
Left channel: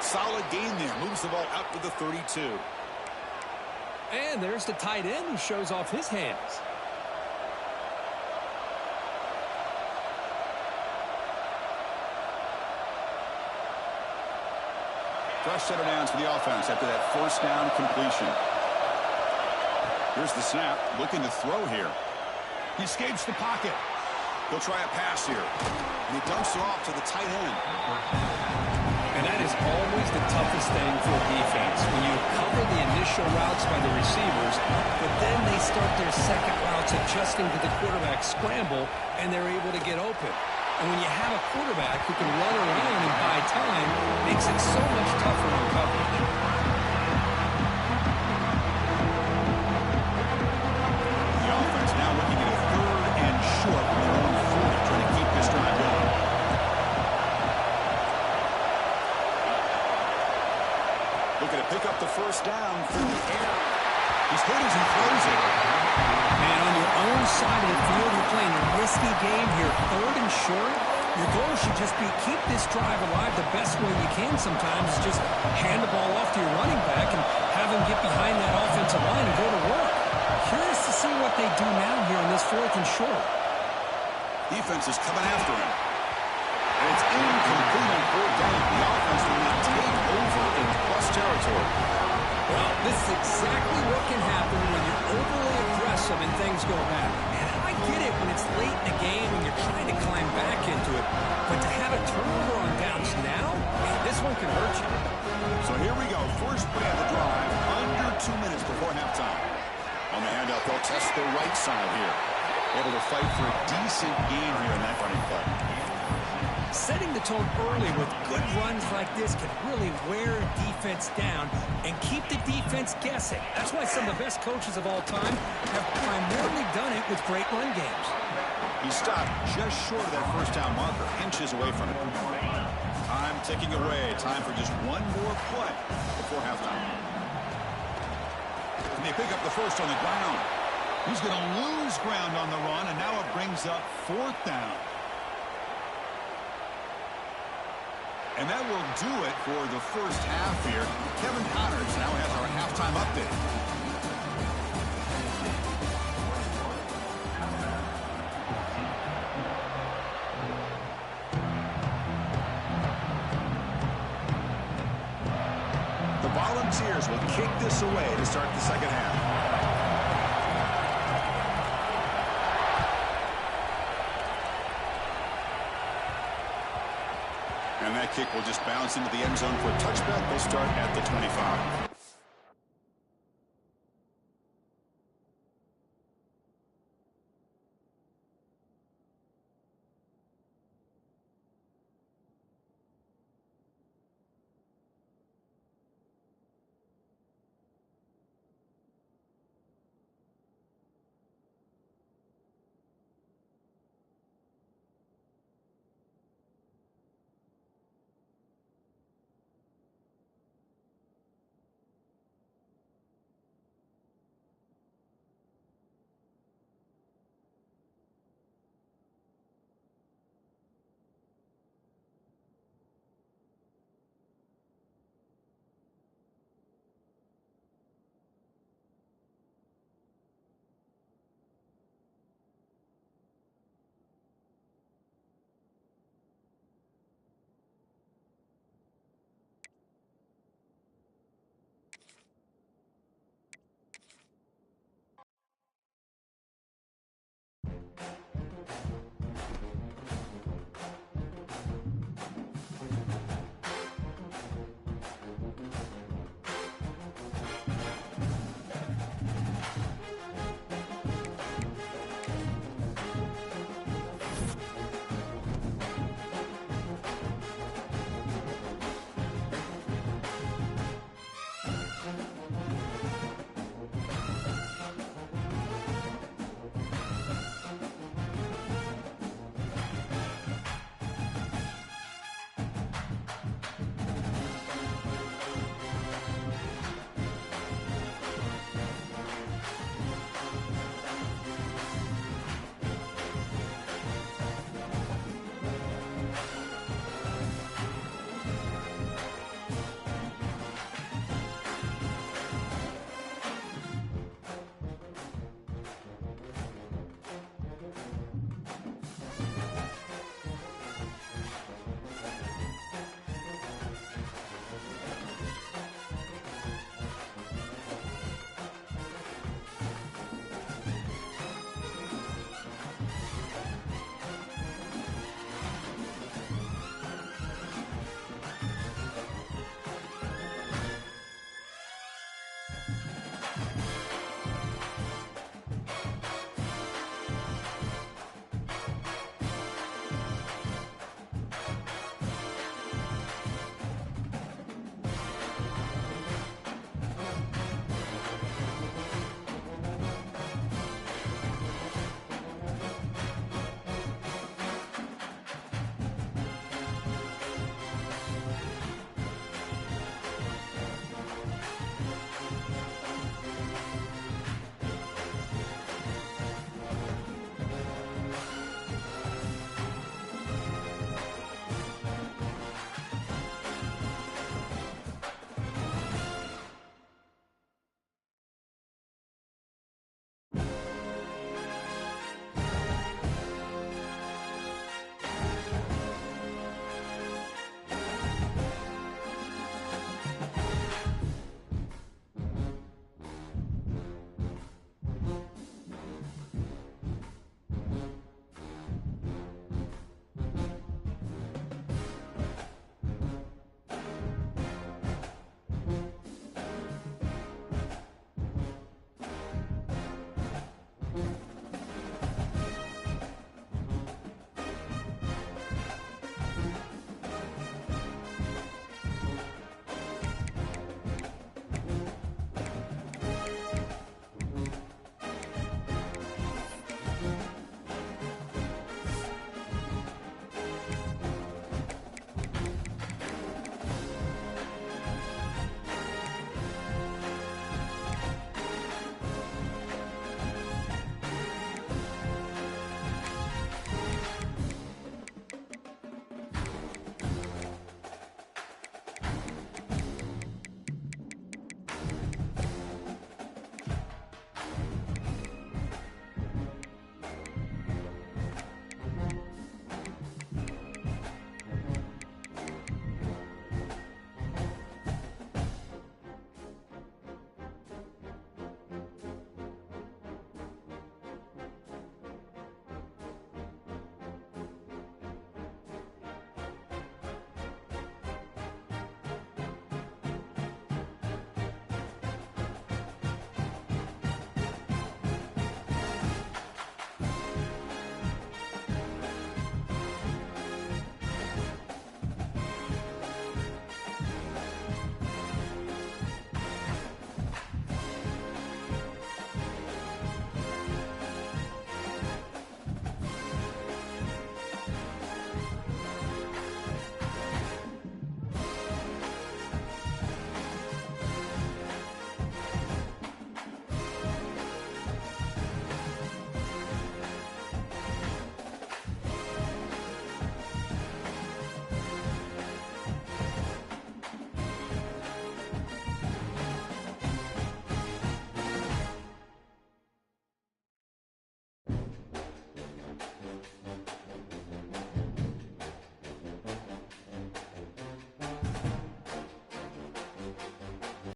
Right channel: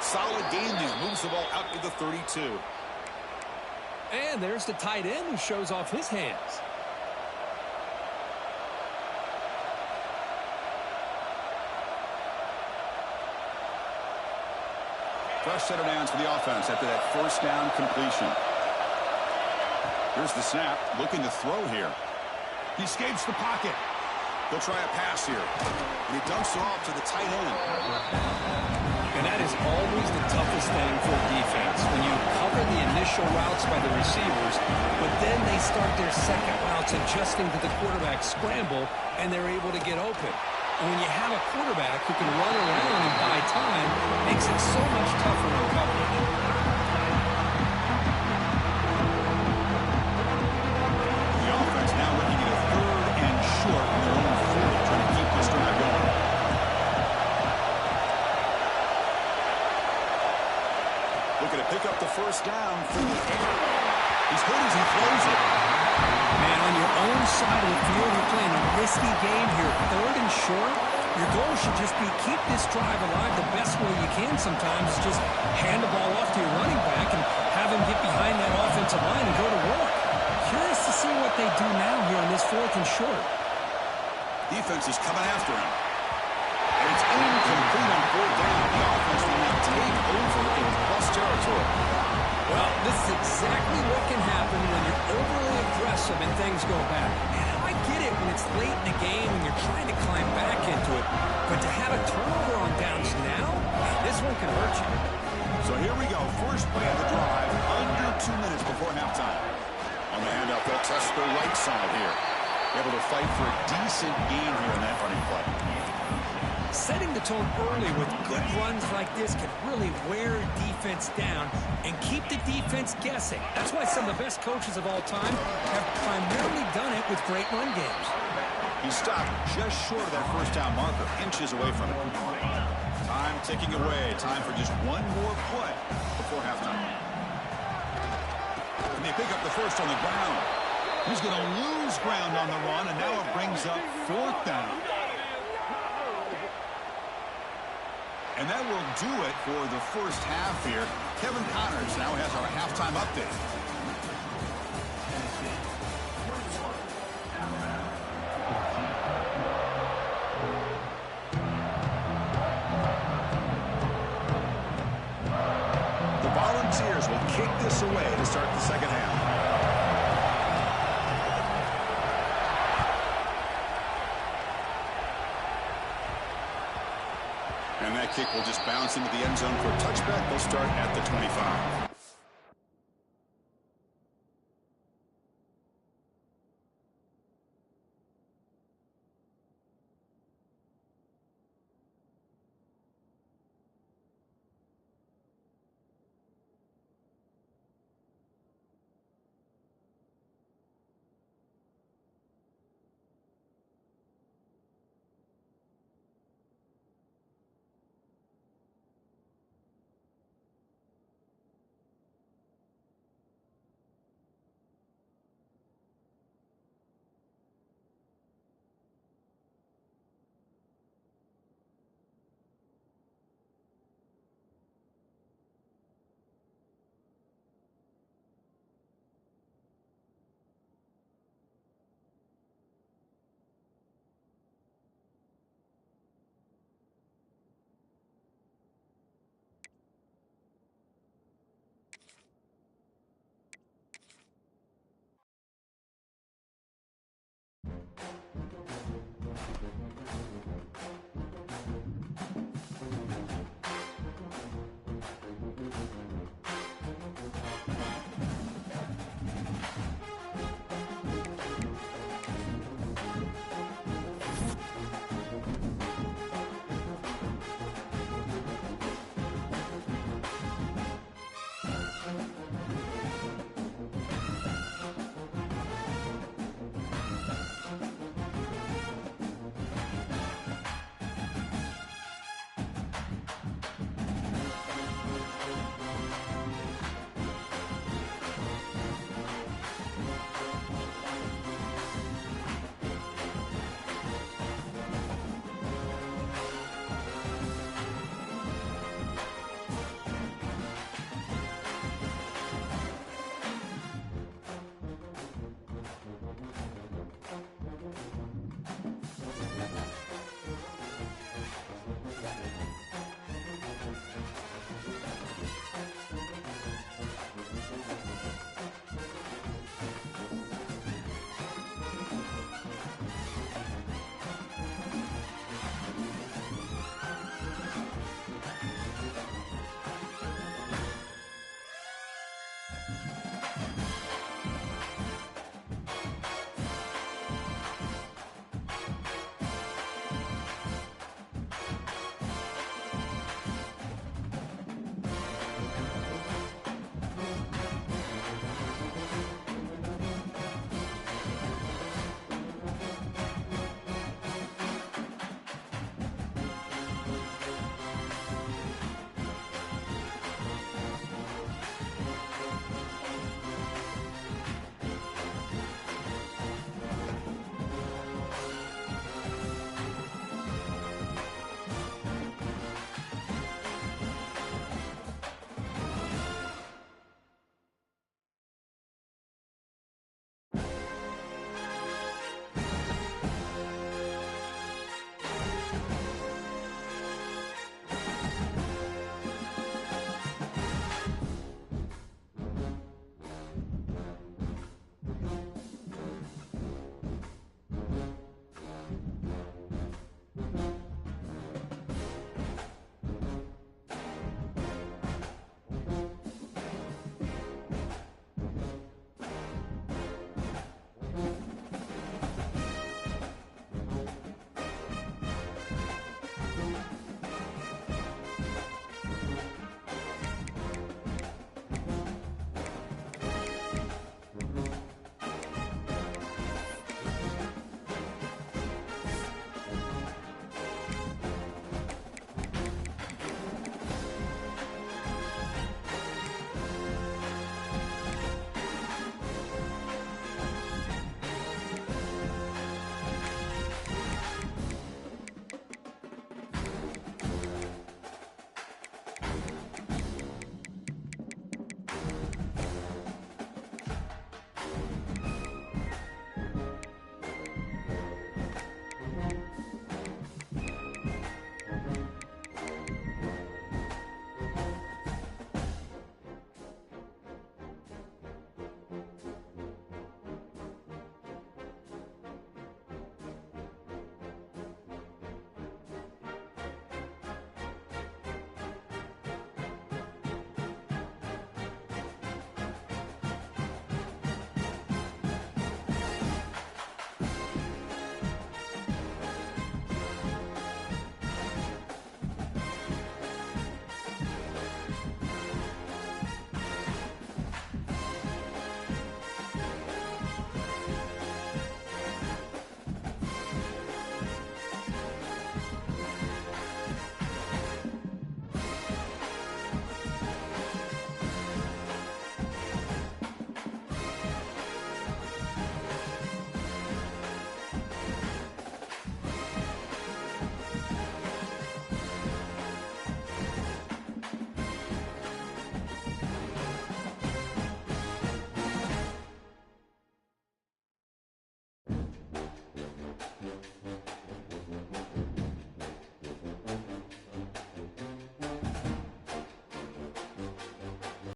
Solid gain there. Moves the ball out to the 32. And there's the tight end who shows off his hands. Fresh set of downs for the offense after that first down completion. Here's the snap. Looking to throw here. He escapes the pocket. He'll try a pass here. And he dumps it off to the tight end. And that is always the toughest thing for a defense. When you cover the initial routes by the receivers, but then they start their second routes adjusting to the quarterback scramble, and they're able to get open. And when you have a quarterback who can run around and buy time, it makes it so much tougher on coverage. The offense now looking at a 3rd and short from their own 40, trying to keep this drive going. Looking to pick up the first down through the air. He's hit as he throws it. Man, on your own side of the field, you're playing a risky game here. 3rd and short. Your goal should just be keep this drive alive the best way you can sometimes is just hand the ball off to your running back and have him get behind that offensive line and go to work. Curious to see what they do now here on this 4th and short. Defense is coming after him. And it's incomplete on 4th down. The offense will now take over in plus territory. Well, this is exactly what can happen when you're overly aggressive and things go bad. Man, I get it when it's late in the game and you're trying to climb back into it. But to have a turnover on downs now, man, this one can hurt you. So here we go. First play of the drive, under 2 minutes before halftime. On the handout, they'll test the right side here. Able to fight for a decent gain here in that running play. Setting the tone early with good runs like this can really wear defense down and keep the defense guessing. That's why some of the best coaches of all time have primarily done it with great run games. He stopped just short of that first down marker, inches away from it. Time ticking away. Time for just one more play before halftime. And they pick up the first on the ground. He's going to lose ground on the run, and now it brings up 4th down. And that will do it for the first half here. Kevin Connors now has our halftime update. The Volunteers will kick this away to start the second half. And that kick will just bounce into the end zone for a touchback. They'll start at the 25.